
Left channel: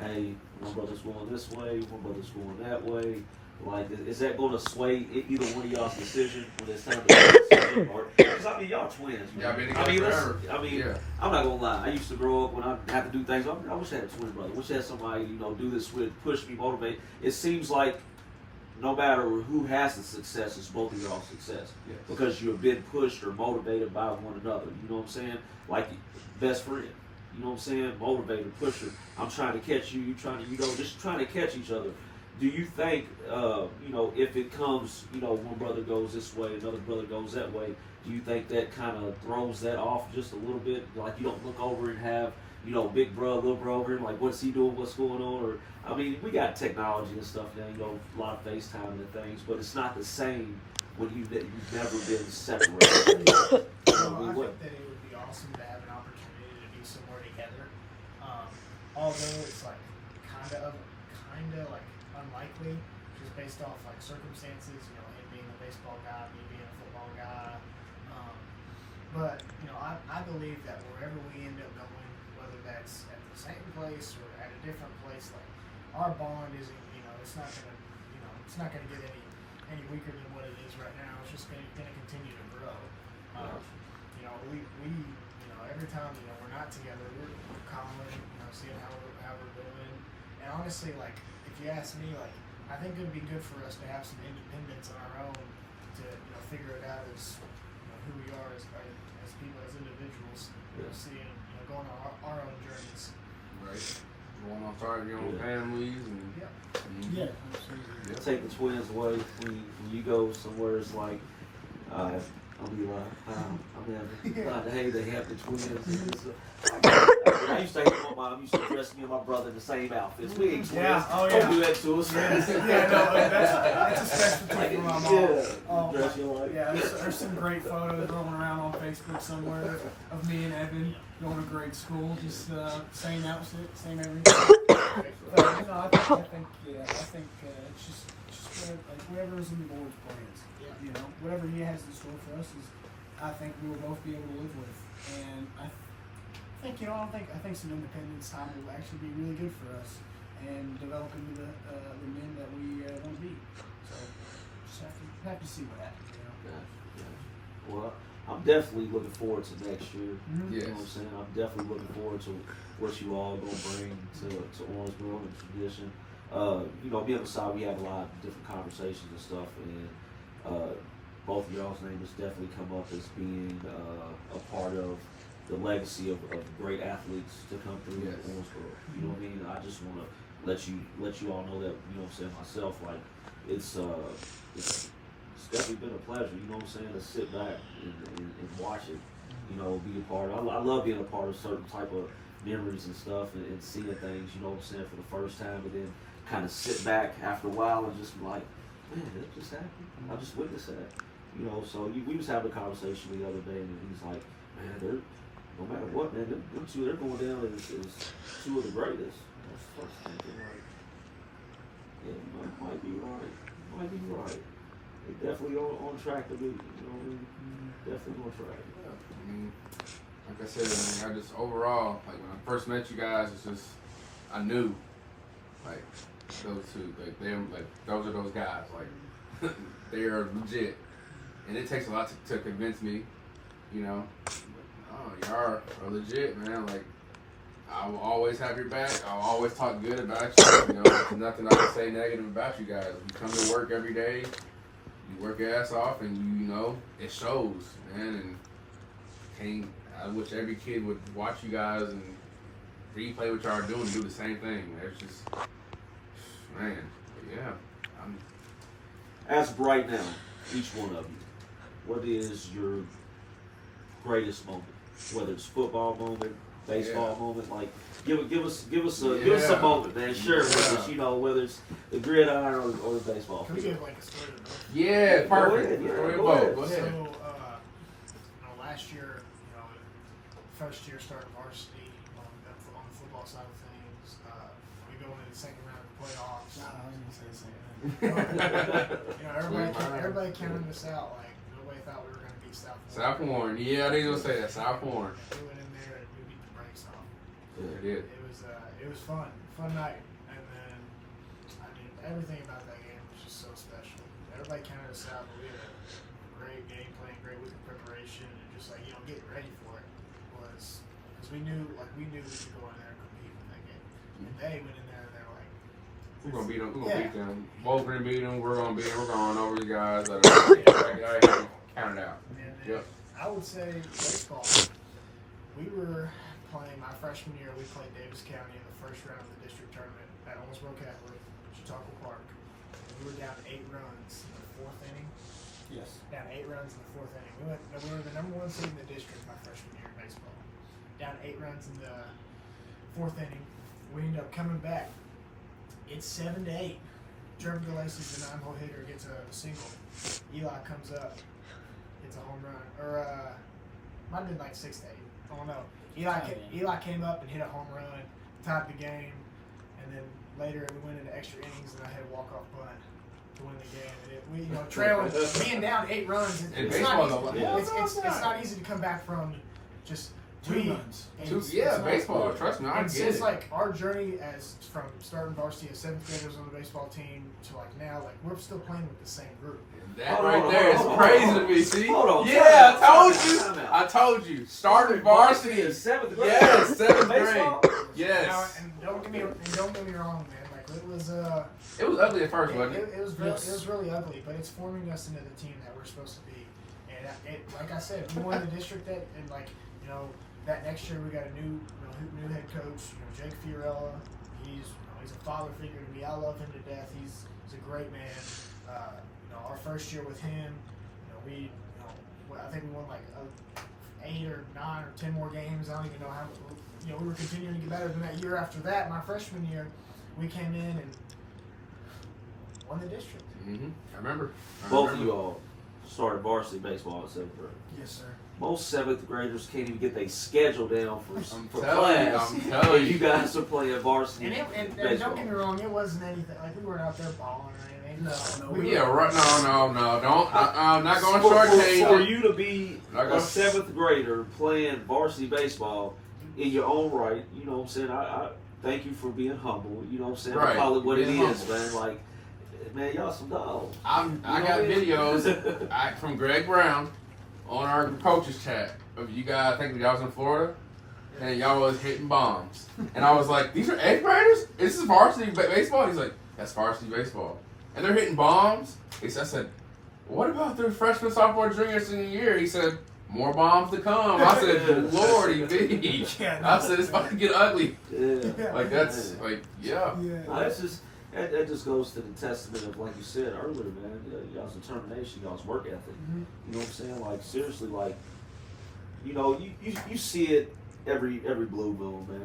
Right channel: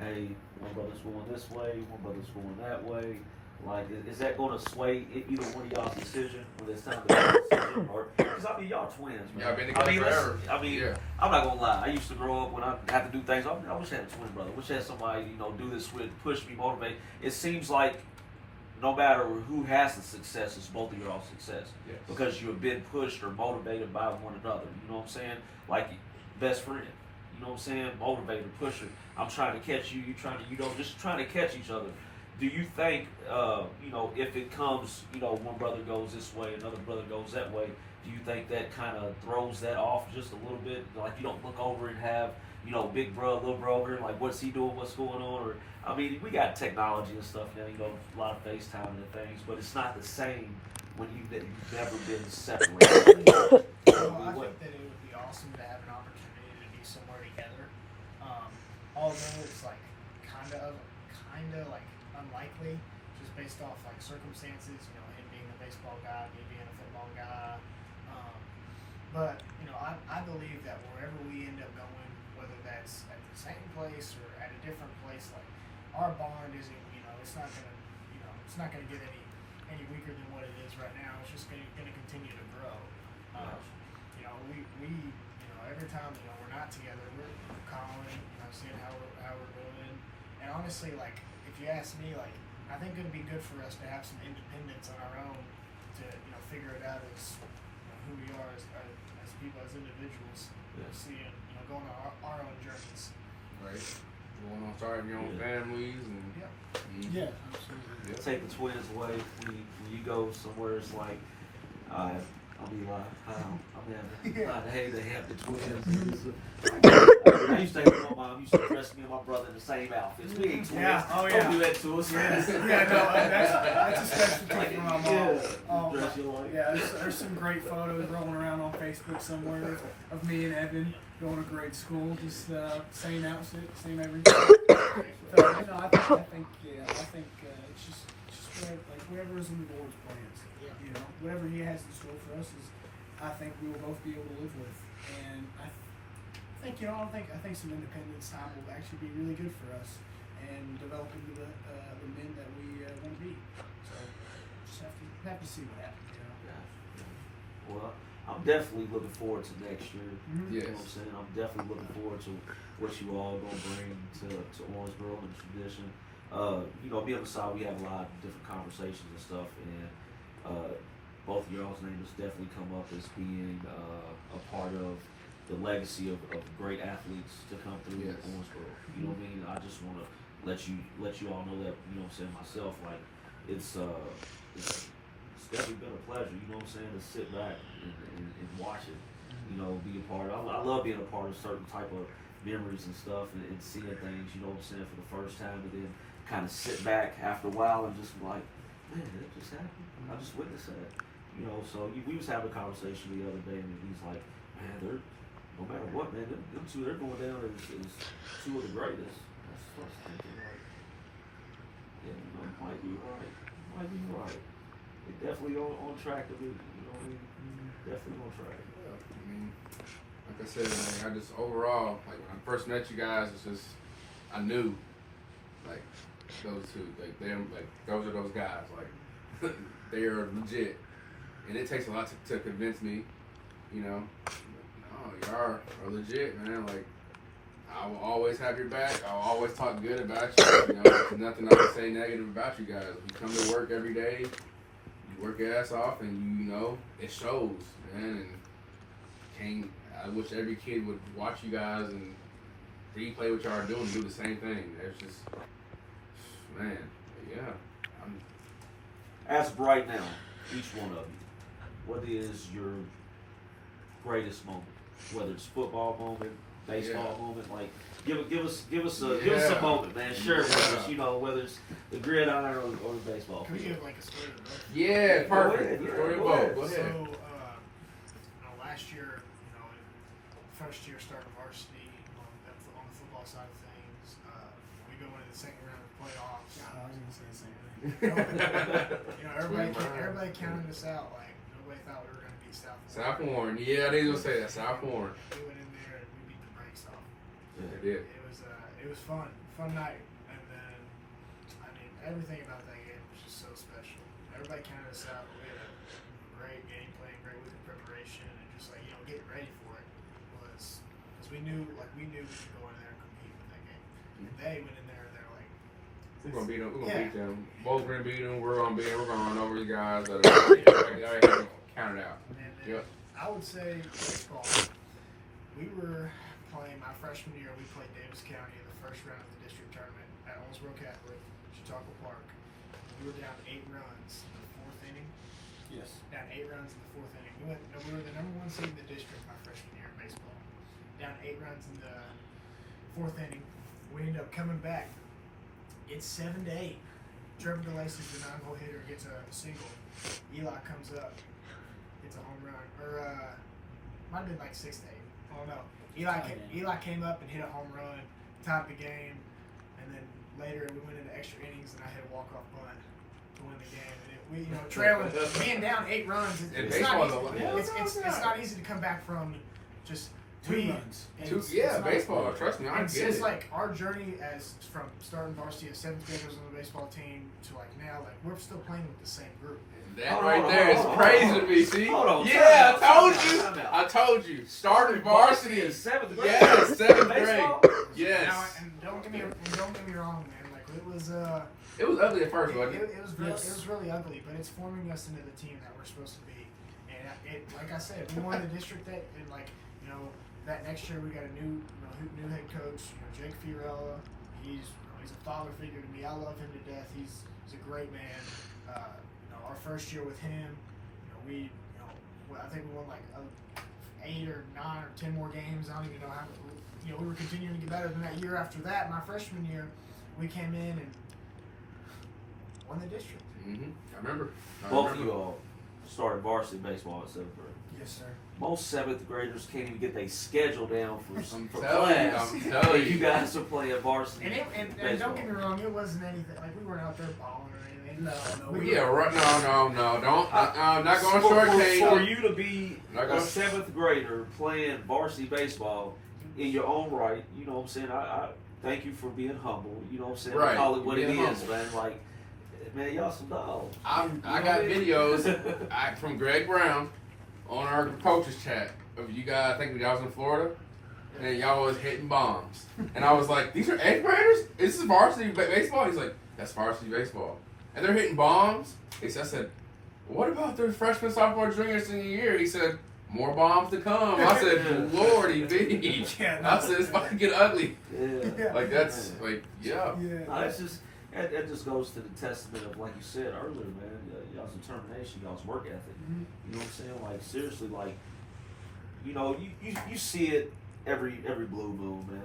hey, one brother's going this way, one brother's going that way, like, is that going to sway either one of y'all's decision when it's time to make a decision? Or, because I mean, y'all twins, man. Y'all been together forever. Yeah. I'm not gonna lie. I used to grow up when I had to do things. I wish I had a twin brother. I wish I had somebody, do this with, push me, motivate. It seems like no matter who has the success, it's both of y'all's success. Yes. Because you've been pushed or motivated by one another. You know what I'm saying? Like best friend. You know what I'm saying? Motivator, pusher. I'm trying to catch you. You trying to, just trying to catch each other. Do you think, if it comes, one brother goes this way, another brother goes that way, do you think that kind of throws that off just a little bit? Like you don't look over and have, big brother, little brother, like what's he doing, what's going on? Or, I mean, we got technology and stuff now, a lot of FaceTime and things, but it's not the same when you've never been separated. I think that it would be awesome to have an opportunity to be somewhere together. Although it's like kind of like unlikely, just based off like circumstances. Him being a baseball guy, me being a football guy. But I believe that wherever we end up going, whether that's at the same place or at a different place, like our bond isn't, it's not gonna get any weaker than what it is right now. It's just gonna continue to grow. We every time we're not together, we're calling, seeing how we're doing. And honestly, like if you ask me, like I think it'd be good for us to have some independence on our own to figure it out as who we are as people, as individuals. Seeing going on our own journeys. Right. Going on starting your own families and Yeah, absolutely. Yeah. Take the twins away when you go somewhere. It's like, I'll be like, hey, they have the twins. I used to hate my mom. Used to dress me and my brother in the same outfits. We ain't twins. Yeah, oh yeah. Don't do that to us. That's a specialty for my mom. Dress you like. Yeah, there's some great photos rolling around on Facebook somewhere of me and Evan going to grade school, just same outfit, same everything. I think it's just whatever is in the Lord's plans. Whatever He has in store for us is, I think we will both be able to live with, and I think I think some independence time will actually be really good for us and develop into the men that we want to be. So just have to see what happens. Yeah. Well, I'm definitely looking forward to next year. Mm-hmm. You know what I'm saying? I'm definitely looking forward to what you all gonna bring to Owensboro and tradition. Me and VaSaad, we have a lot of different conversations and stuff, and both of y'all's names definitely come up as being a part of the legacy of great athletes to come through Owensboro. You know what I mean? I just want to let you all know that, myself, like it's definitely been a pleasure, to sit back and watch it, be a part of. I love being a part of certain type of memories and stuff and seeing things, you know what I'm saying, for the first time, and then kind of sit back after a while and just be like, man, that just happened. I just witnessed that. You know, so we was having a conversation the other day, and he's like, man, they're, no matter what, man, them two, they're going down as two of the greatest. I was first thinking, like, yeah, you know, it might be right. It might be right. They definitely on track to be, you know, definitely on track. Yeah. I mean, like I said, man, I just overall, like when I first met you guys, it's just I knew, like those two, like those are those guys, like they are legit, and it takes a lot to convince me, you know. Oh, y'all are legit, man. Like I will always have your back. I'll always talk good about you. You know, there's nothing I can say negative about you guys. You come to work every day, you work your ass off, and you know it shows, man. And I wish every kid would watch you guys and replay what y'all are doing and do the same thing. It's just, man, yeah. As of right now, each one of you, what is your greatest moment? Whether it's football moment, baseball moment, like give us a moment, man. Share it with us, you know, whether it's the gridiron or the baseball. Can we give like a story of both? Yeah, perfect. Go ahead. Go ahead. So, last year, first year starting varsity on the football side of things, we go into the second round of the playoffs. I was gonna say the same thing. Everybody counted us out. Like nobody thought we were gonna beat South Warren. South Warren, yeah, I didn't even say that. South Warren. We went in there and we beat the brakes off. Yeah, it did. It was fun night, and then I mean everything about that game was just so special. Everybody counted us out, but we had a great game plan, great week of preparation, and just like getting ready for it was because we knew we could go in there and compete in that game. And they went in there and they're like, We're gonna beat them. We're gonna beat them. Both gonna beat them. We're gonna beat them. We're going over you guys. I count it out. and Yep. I would say baseball. We were playing my freshman year. We played Davis County in the first round of the district tournament at Owensboro Catholic, Chautauqua Park. And we were down 8 runs in the 4th inning. Yes. Down 8 runs in the 4th inning. We were the number 1 seed in the district my freshman year in baseball. Down 8 runs in the 4th inning. We ended up coming back. It's 7-8. Trevor DeLacy's the 9-hole hitter, gets a single. Eli comes up, gets a home run. Or might have been like 6-8. I don't know. Eli came up and hit a home run, tied the game, and then later we went into extra innings and I had a walk-off bunt to win the game. And we trailing, being down 8 runs. It's not easy to come back from just 2 runs. Baseball. Trust me, I and get since it. like our journey as from starting varsity as 7th graders on the baseball team to like now, like we're still playing with the same group. That right there is crazy to me. See? Hold on. Yeah, Time out. I told you. Started varsity in 7th grade. Yes, 7th Baseball? grade. Yes. Now, and don't get me wrong, man. Like It was ugly at first, wasn't it? it was really ugly, but it's forming us into the team that we're supposed to be. And like I said, we won the district that, and that next year we got a new head coach, Jake Fiorella. He's a father figure to me. I love him to death. He's a great man. Our first year with him, I think we won like 8 or 9 or 10 more games. I don't even know how. We were continuing to get better than that year after that. My freshman year, we came in and won the district. Mm-hmm. I remember. Both of you all started varsity baseball at 7th grade. Yes, sir. Most 7th graders can't even get their schedule down for telling you, class. I'm telling you. You guys are playing varsity And baseball. don't get me wrong, it wasn't anything like we weren't out there balling or anything. No. No, don't. I'm not going to For shortchange it. you to be a 7th grader playing varsity baseball in your own right, you know what I'm saying? I thank you for being humble. You know what I'm saying? Right. I call it what it Being is, humble. man. Like, man, y'all some dogs. I got videos from Greg Brown on our coaches chat of you guys. I think y'all was in Florida, and y'all was hitting bombs. And I was like, "These are 8th graders? This is varsity baseball?" He's like, "That's varsity baseball." And they're hitting bombs. I said, "What about their freshman, sophomore, junior, senior year?" He said, "More bombs to come." I said, "Lordy B." I said, "It's about to get ugly." Yeah. Like that's like yeah. That just goes to the testament of, like you said earlier, man, y'all's determination, y'all's work ethic. Mm-hmm. You know what I'm saying? Like, seriously, like, you see it every blue moon, man,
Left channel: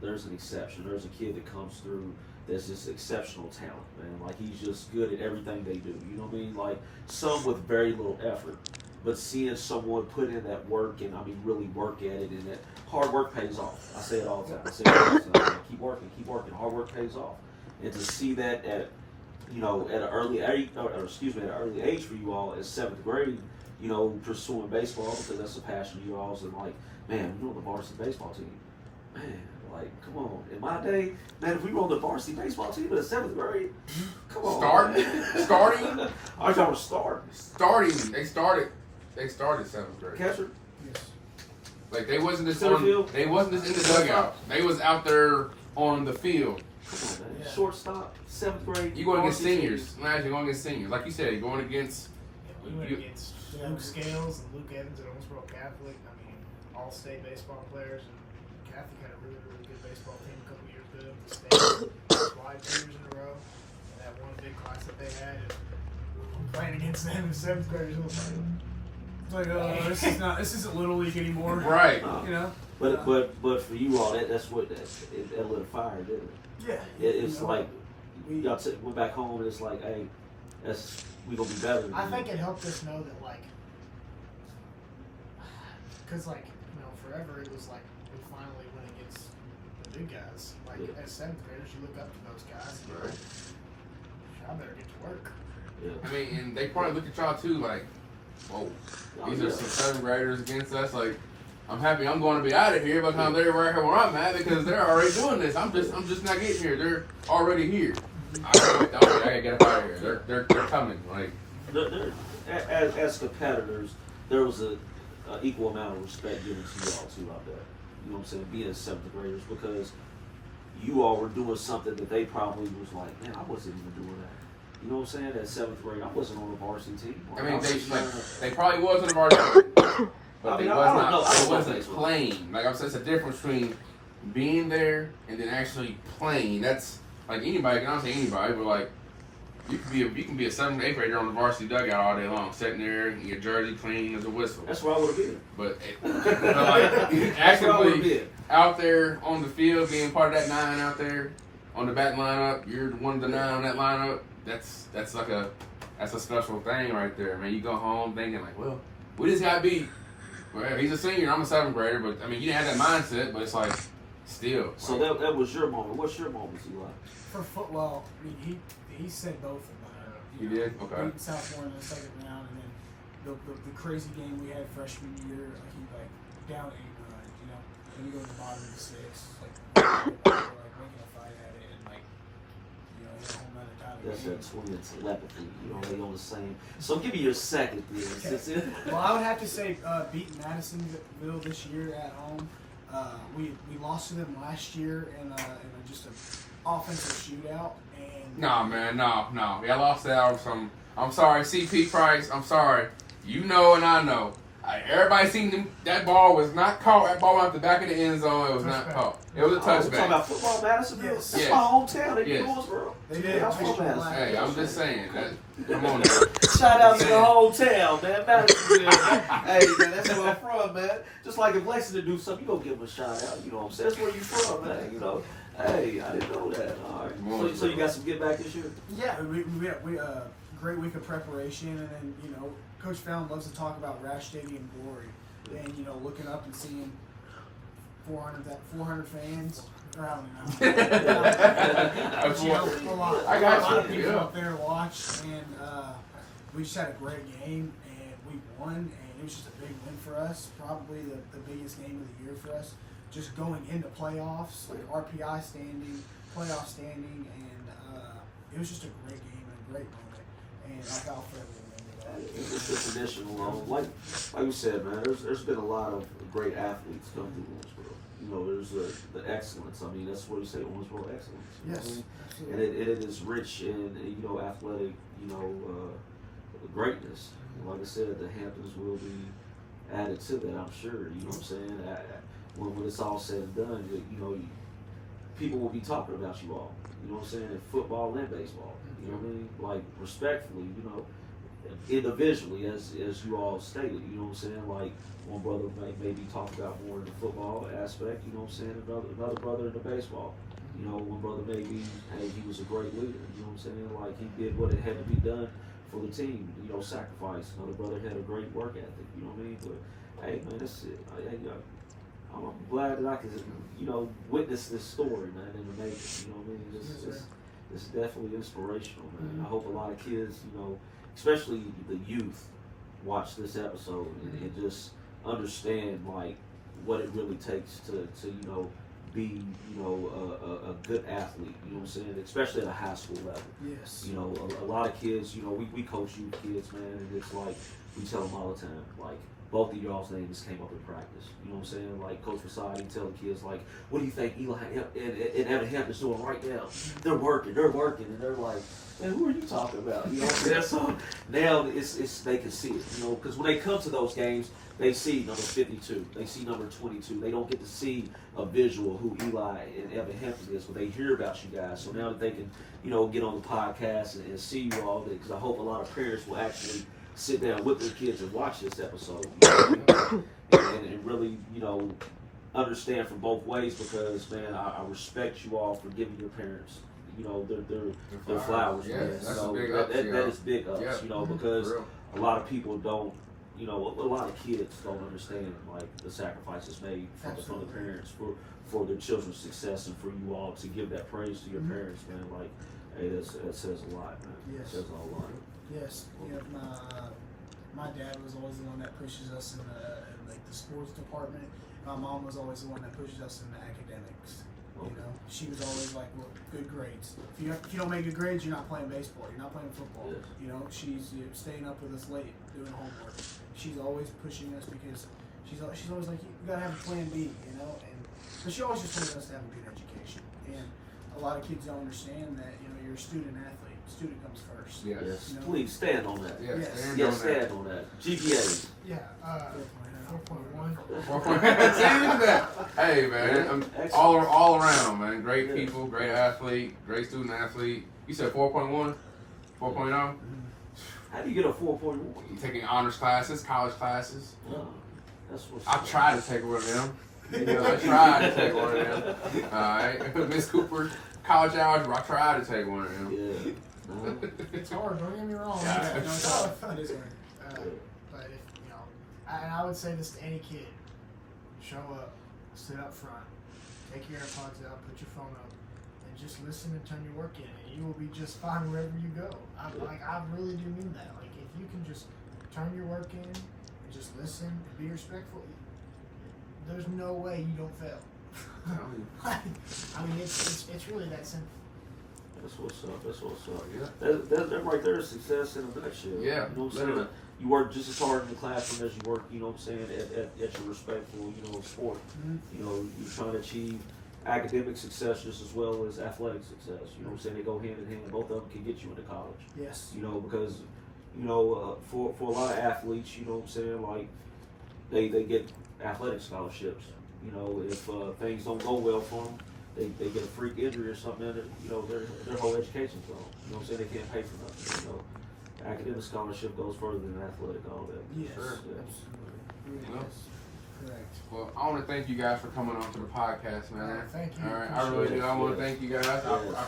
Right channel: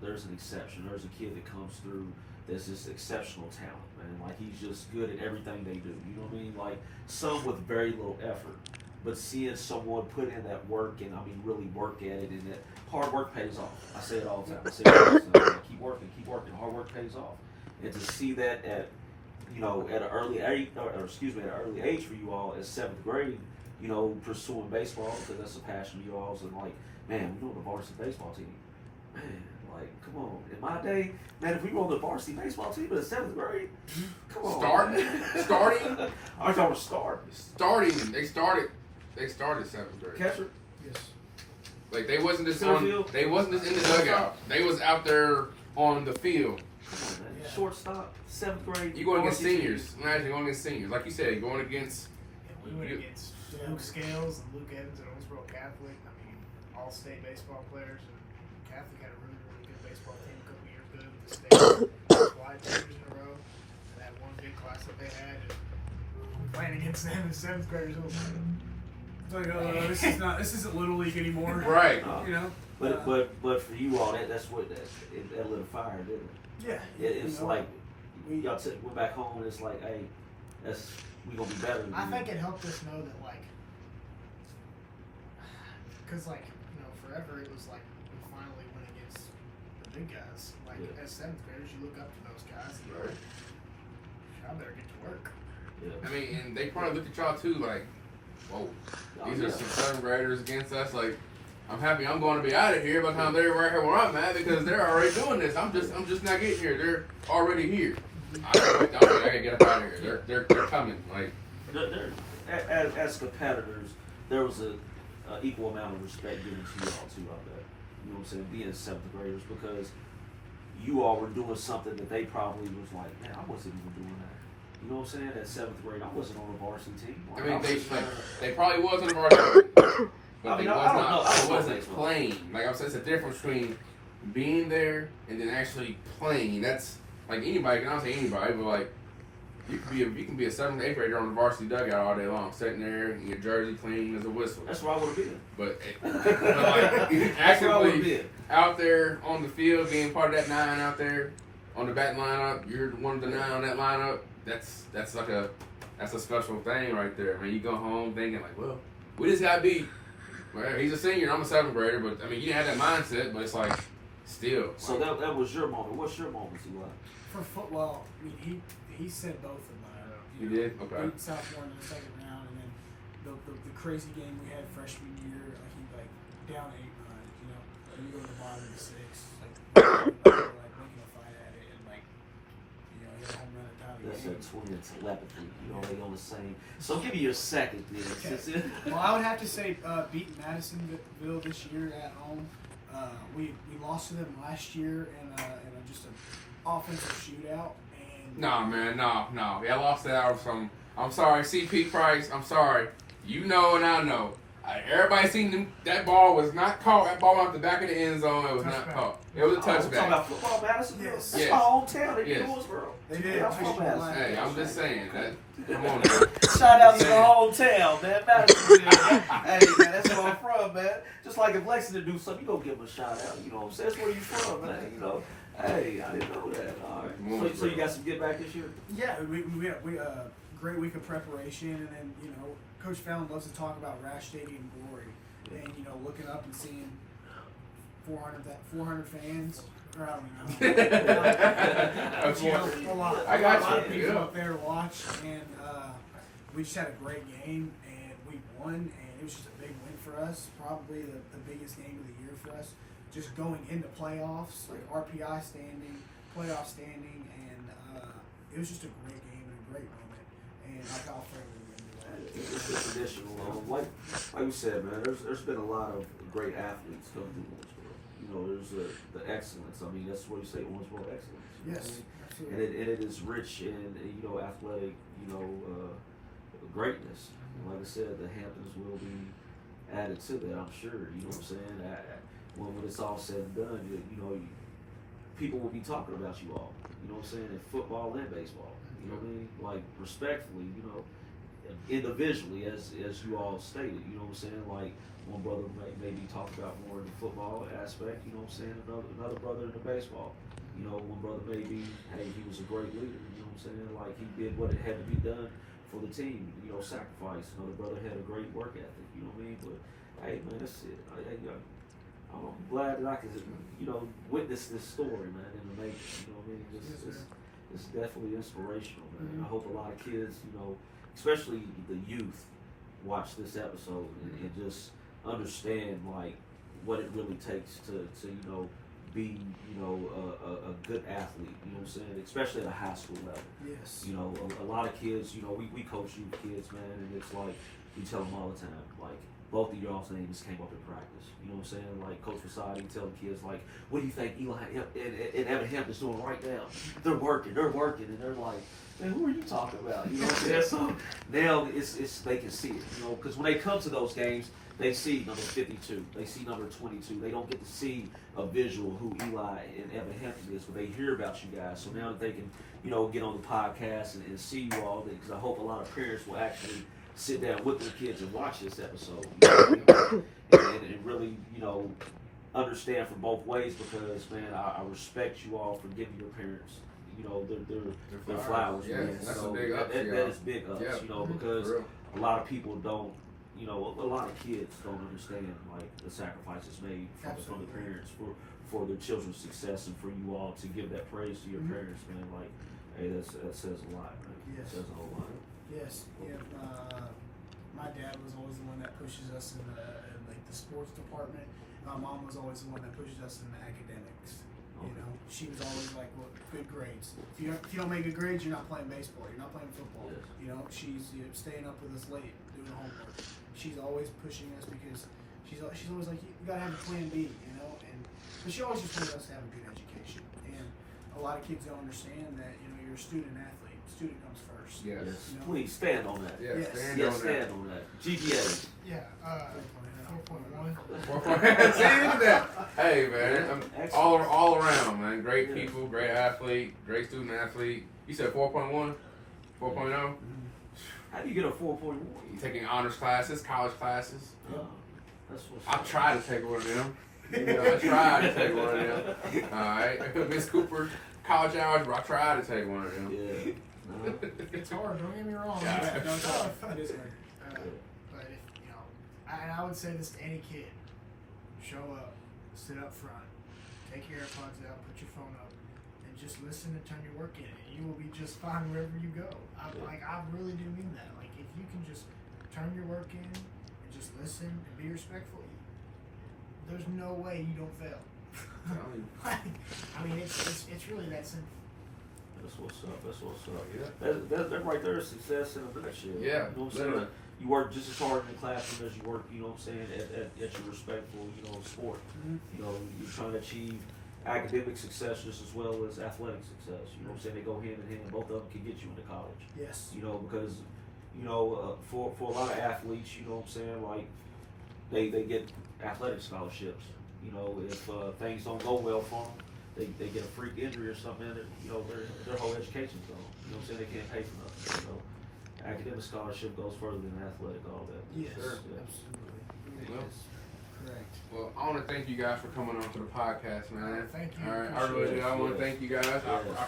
there's an exception. There's a kid that comes through that's just exceptional talent, man. Like he's just good at everything they do. You know what I mean? Like some with very little effort, but seeing someone put in that work and really work at it, and that hard work pays off. I say it all the time. I say it all the time. Keep working. Hard work pays off, and to see that at at an early age, for you all at 7th grade, pursuing baseball because that's a passion of yours, and like, man, we're on the varsity baseball team, man. Like, come on. In my day, man, if we were on the varsity baseball team in the 7th grade, come on. Starting. I thought it was starting. Starting. They started 7th grade. Catcher. Yes. Like they wasn't just Center on. field? They wasn't just in the dugout. They was out there on the field. Come on, man. Yeah. Shortstop, 7th grade. You going against varsity seniors. team. Imagine going against seniors. Like you said, going against. We went against Luke Scales and Luke Evans at Owensboro Catholic. I mean, all-state baseball players, and Catholic had a really, really good baseball team a couple years ago. The state wide 2 years in a row, and that one big class that they had, and playing against them in 7th graders. It was like, It's like, this isn't Little League anymore. Right. But for you all, that's what that lit a fire, didn't it? Yeah. It's like y'all went back home and it's like, hey, we gonna be better than I you. think it helped us know that, like, because, like, forever it was like we finally went against the big guys. Like, as 7th graders, you look up to those guys and you're like, I better get to work. Yeah. I mean, and they probably look at y'all too, like, whoa, these are some 7th graders against us. Like, I'm happy I'm going to be out of here by the time they're right here where I'm at because they're already doing this. I'm just not getting here. They're already here. I gotta get up out of here. They're coming. Like, As competitors, there was a equal amount of respect given to you all too out there. You know what I'm saying? Being 7th graders, because you all were doing something that they probably was like, man, I wasn't even doing that. You know what I'm saying? At 7th grade, I wasn't on the varsity team. I mean, they probably was on the varsity, but I mean, they I was don't not. know. I They don't know wasn't baseball. playing. Like I'm saying, it's a difference between being there and then actually playing. That's like anybody. Can I say anybody? But like you can be a 7th, 8th grader on the varsity dugout all day long, sitting there and your jersey clean as a whistle. That's where I would have been. But That's actually where I would have been. out there on the field, being part of that 9 out there on the bat lineup, you're one of the 9 on that lineup. That's a special thing right there, man. You go home thinking like, well, what does he got beat? Well, he's a senior. I'm a 7th grader, but I mean, you didn't have that mindset. But it's like, still. So like, that was your moment. What's your moment, Eli? For football, I mean, he said both of mine. You did? Okay. Beat Southmore in the 2nd round, and then the crazy game we had freshman year, he down 8-9, and you go to the bottom of the 6th, making a fight at it, and he had a home run at time. That's that twin telepathy. They on the same. So give me your second, then. Well, I would have to say beating Madisonville this year at home. We lost to them last year in just an offensive shootout. And Nah, man, no. Yeah, I lost that on some. I'm sorry, CP Price. I'm sorry. You know and I know. Everybody seen that ball was not caught. That ball out the back of the end zone. It was not caught. It was a We're talking touchback. about football, Madisonville. Yes. That's Yes. my hometown. They Yes. do Owensboro. They did. I'm from Madison. Hey, I'm just saying. Come on. Shout out to the hometown, man. Madisonville. Hey, man, that's where I'm from, man. Just like if Lexington do something, you gonna give them a shout out. You know what I'm saying? That's where you from, man. Hey, I didn't know that. All right. So you got some get back this year? yeah, we great week of preparation, and then Coach Fallon loves to talk about Rash Stadium glory, and looking up and seeing 400 fans. Or I don't know. A lot. I got a lot of you, people yeah. up there to watch, and we just had a great game, and we won, and it was just a big win for us. Probably the biggest game of the year for us. Just going into playoffs, like RPI standing, playoff standing, and it was just a great game and a great moment, and I'll forever remember that. It's just a traditional. Like we said, man, there's been a lot of great athletes come through Owensboro. There's the excellence. I mean, that's what you say, Owensboro excellence. Yes, And absolutely. it is rich in athletic greatness. And like I said, the Hamptons will be added to that. I'm sure. You know what I'm saying? When it's all said and done, people will be talking about you all. You know what I'm saying? In football and baseball. You know what I mean? Like respectfully, individually, as you all stated, you know what I'm saying? Like one brother maybe talk about more in the football aspect, you know what I'm saying? Another brother in the baseball. You know, one brother maybe, hey, he was a great leader, you know what I'm saying? Like he did what it had to be done for the team, you know, sacrifice. Another brother had a great work ethic, you know what I mean? But hey, man, that's it. I'm glad that I could, you know, witness this story, man, in the making. You know what I mean? It's definitely inspirational, man. I hope a lot of kids, you know, especially the youth, watch this episode and just understand like what it really takes to you know, be, you know, a good athlete. You know what I'm saying? Especially at a high school level. Yes. You know, a lot of kids, you know, we coach youth kids, man, and it's like we tell them all the time, like, both of y'all's names came up in practice. You know what I'm saying? Like Coach VaSaad, he tell the kids, like, what do you think Eli and Evan Hampton's doing right now? They're working, and they're like, man, who are you talking about? You know what I'm saying? So now it's they can see it, you know, because when they come to those games, they see number 52, they see number 22. They don't get to see a visual who Eli and Evan Hampton is, but they hear about you guys. So now that they can, you know, get on the podcast and see you all, because I hope a lot of parents will actually sit down with their kids and watch this episode, you know, and really, you know, understand from both ways, because, man, I respect you all for giving your parents, you know, their flowers. Yeah, man. that's so a big ups, that is big ups, yeah. you know, because a lot of people don't, you know, a lot of kids don't understand, like, the sacrifices made from the parents for their children's success, and for you all to give that praise to your parents, man. Like, hey, that says a lot, man. Yes. It says a whole lot. Yes, yeah. My dad was always the one that pushes us in the sports department. My mom was always the one that pushes us in the academics. You know, she was always like, "Well, good grades. If you don't make good grades, you're not playing baseball. You're not playing football." Yes. You know, she's staying up with us late doing homework. She's always pushing us because she's always like, "You gotta have a plan B," you know. And but she always just wanted us to have a good education. And a lot of kids don't understand that, you know, you're a student athlete. Student comes first. Yes. Yes. Please stand on that. Yeah, Yes. stand On on that. GPA. Yeah, 4.1. that. See, look at that. Hey, man, I'm Excellent. all around, man. Great Yeah. people, great athlete, great student athlete. You said 4.1? 4.0? How do you get a 4.1? You taking honors classes, college classes? That's what's I tried to take one of them. You know, I tried to take one of them. All right, Miss Cooper, college algebra. I tried to take one of them. Yeah. No. It's hard, don't get me wrong. Yeah. No, it's tough. It is hard. But if, you know, and I would say this to any kid: show up, sit up front, take your AirPods out, put your phone up, and just listen and turn your work in, and you will be just fine wherever you go. I really do mean that. Like, if you can just turn your work in and just listen and be respectful, there's no way you don't fail. I mean, it's really that simple. That's what's up. That's what's up. Yeah. That right there is success in a nutshell. Yeah, You know what I'm saying? literally. You work just as hard in the classroom as you work, you know what I'm saying, at your respectful, you know, sport. You know, you're trying to achieve academic success just as well as athletic success. You know what I'm saying? They go hand in hand. Both of them can get you into college. Yes. You know, because, you know, for a lot of athletes, you know what I'm saying, like, they get athletic scholarships. You know, if things don't go well for them, they get a freak injury or something, and, you know, their whole education's gone. You know what I'm saying? They can't pay for nothing. You know, academic scholarship goes further than athletic, all that. Yes. Sure. Yeah. Absolutely. Well, Yes. Correct. Well, I want to thank you guys for coming on to the podcast, man. Thank you. All right, I really do. I want to thank you guys. I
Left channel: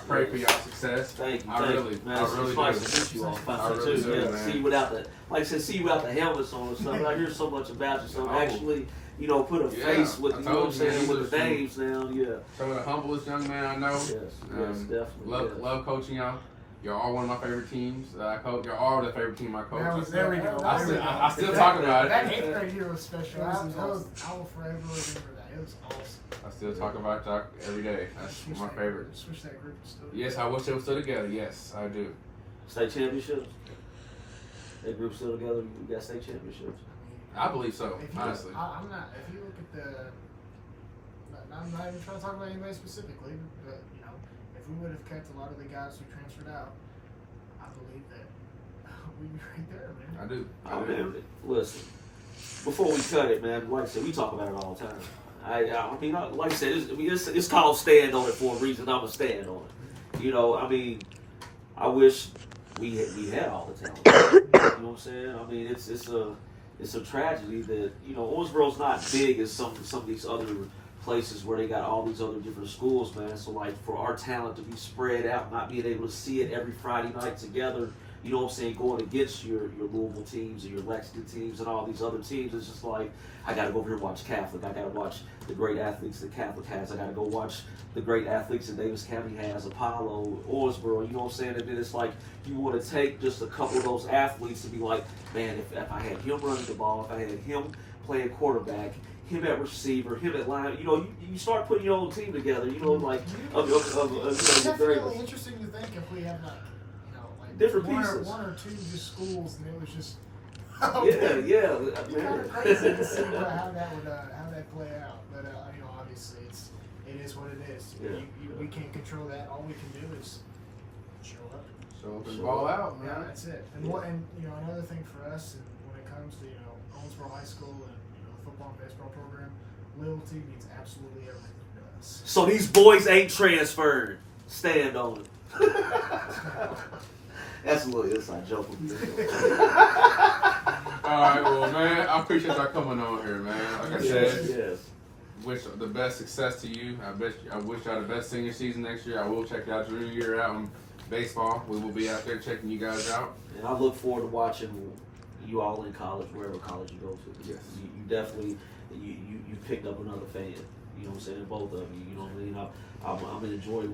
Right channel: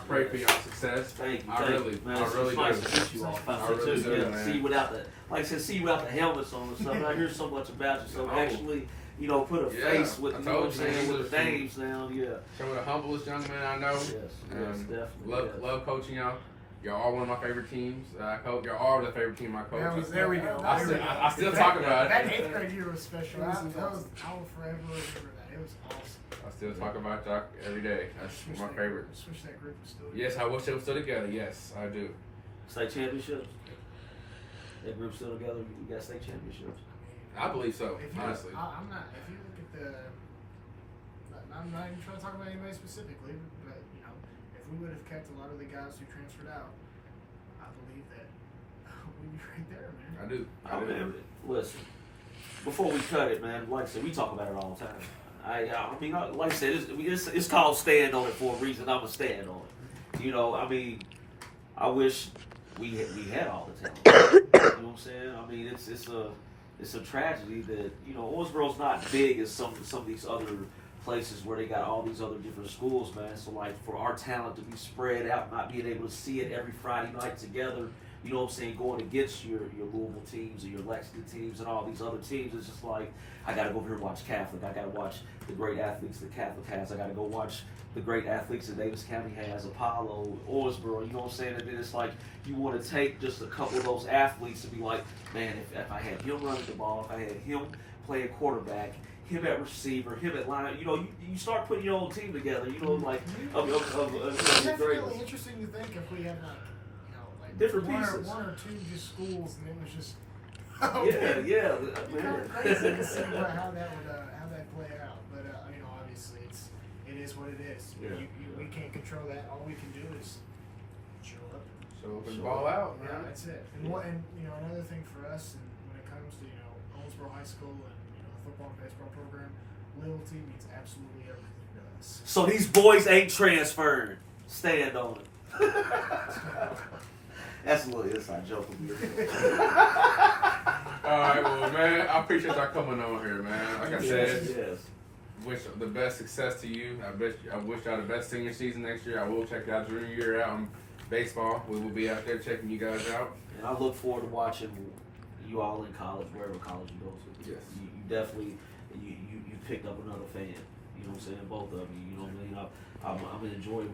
pray for y'all success. Thank you, I really man. do. It's nice to meet you all. I really do, Yeah, man. see you without the, like I said, see you without the helmets on and stuff. I hear so much about you, so Oh. actually, you know, put a Yeah, face with, I you know what I'm told you, saying, he with was the names now, yeah. Some of the humblest young men I know. Yes, definitely. Love coaching y'all. Y'all are one of my favorite teams that I coach. Y'all are the favorite team I coach. There we go. I still talk about That it. 8th grade year was special. That was I will awesome. forever remember that. It was awesome. I still talk about y'all every day. That's my favorite. Switch that group and still. Yes, I wish they were still together. Yes, I do. State championships? That group still together, we got state championships. I believe so, If you, honestly. I'm not. If you look at the, I'm not even trying to talk about anybody specifically, but you know, if we would have kept a lot of the guys who transferred out, I believe that we'd be right there, man. I do. Oh, man, listen, before we cut it, man, like I said, we talk about it all the time. I mean, like I said, it's called stand on it for a reason. I'm going to stand on it. You know, I mean, I wish we had all the talent. You know what I'm saying? I mean, it's a tragedy that, you know, Owensboro's not big as some of these other places where they got all these other different schools, man. So like for our talent to be spread out, not being able to see it every Friday night together, you know what I'm saying, going against your Louisville teams or your Lexington teams and all these other teams, it's just like, I got to go over here and watch Catholic. I got to watch the great athletes that Catholic has. I got to go watch the great athletes that Davis County has, Apollo, Owensboro. You know what I'm saying? And then it's like you want to take just a couple of those athletes to be like, man, if I had him running the ball, if I had him playing quarterback, him at receiver, him at line, you know, you start putting your own team together. You know, like It's definitely interesting to think if we had like different one pieces. One or two just schools, and it was just yeah, kind man. of crazy to see how that play out. But you know, obviously it is what it is. Yeah. We can't control that. All we can do is show up. So and ball out, man. Yeah, that's it. And you know, another thing for us, and when it comes to Owensboro High School and the football and baseball program, loyalty means absolutely everything to us. So these boys ain't transferred. Stand on it. That's a little inside joke. All right, well, man, I appreciate y'all coming on here, man. Like I said, Yes. wish the best success to you. I wish y'all the best senior season next year. I will check y'all junior year out in baseball. We will be out there checking you guys out. And I look forward to watching you all in college, wherever college you go to. Yes. You definitely you picked up another fan. You know what I'm saying? Both of you. You know what I mean? I'm enjoying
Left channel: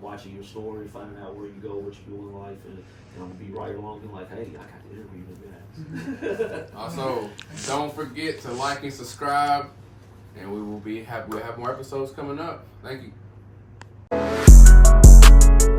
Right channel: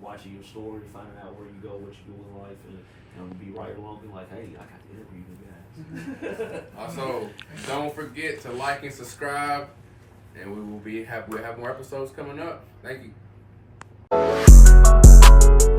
watching your story, finding out where you go, what you do in life, and I'm gonna be right along and like, hey, I got to interview the guys. Also, don't forget to like and subscribe, and we'll have more episodes coming up. Thank you.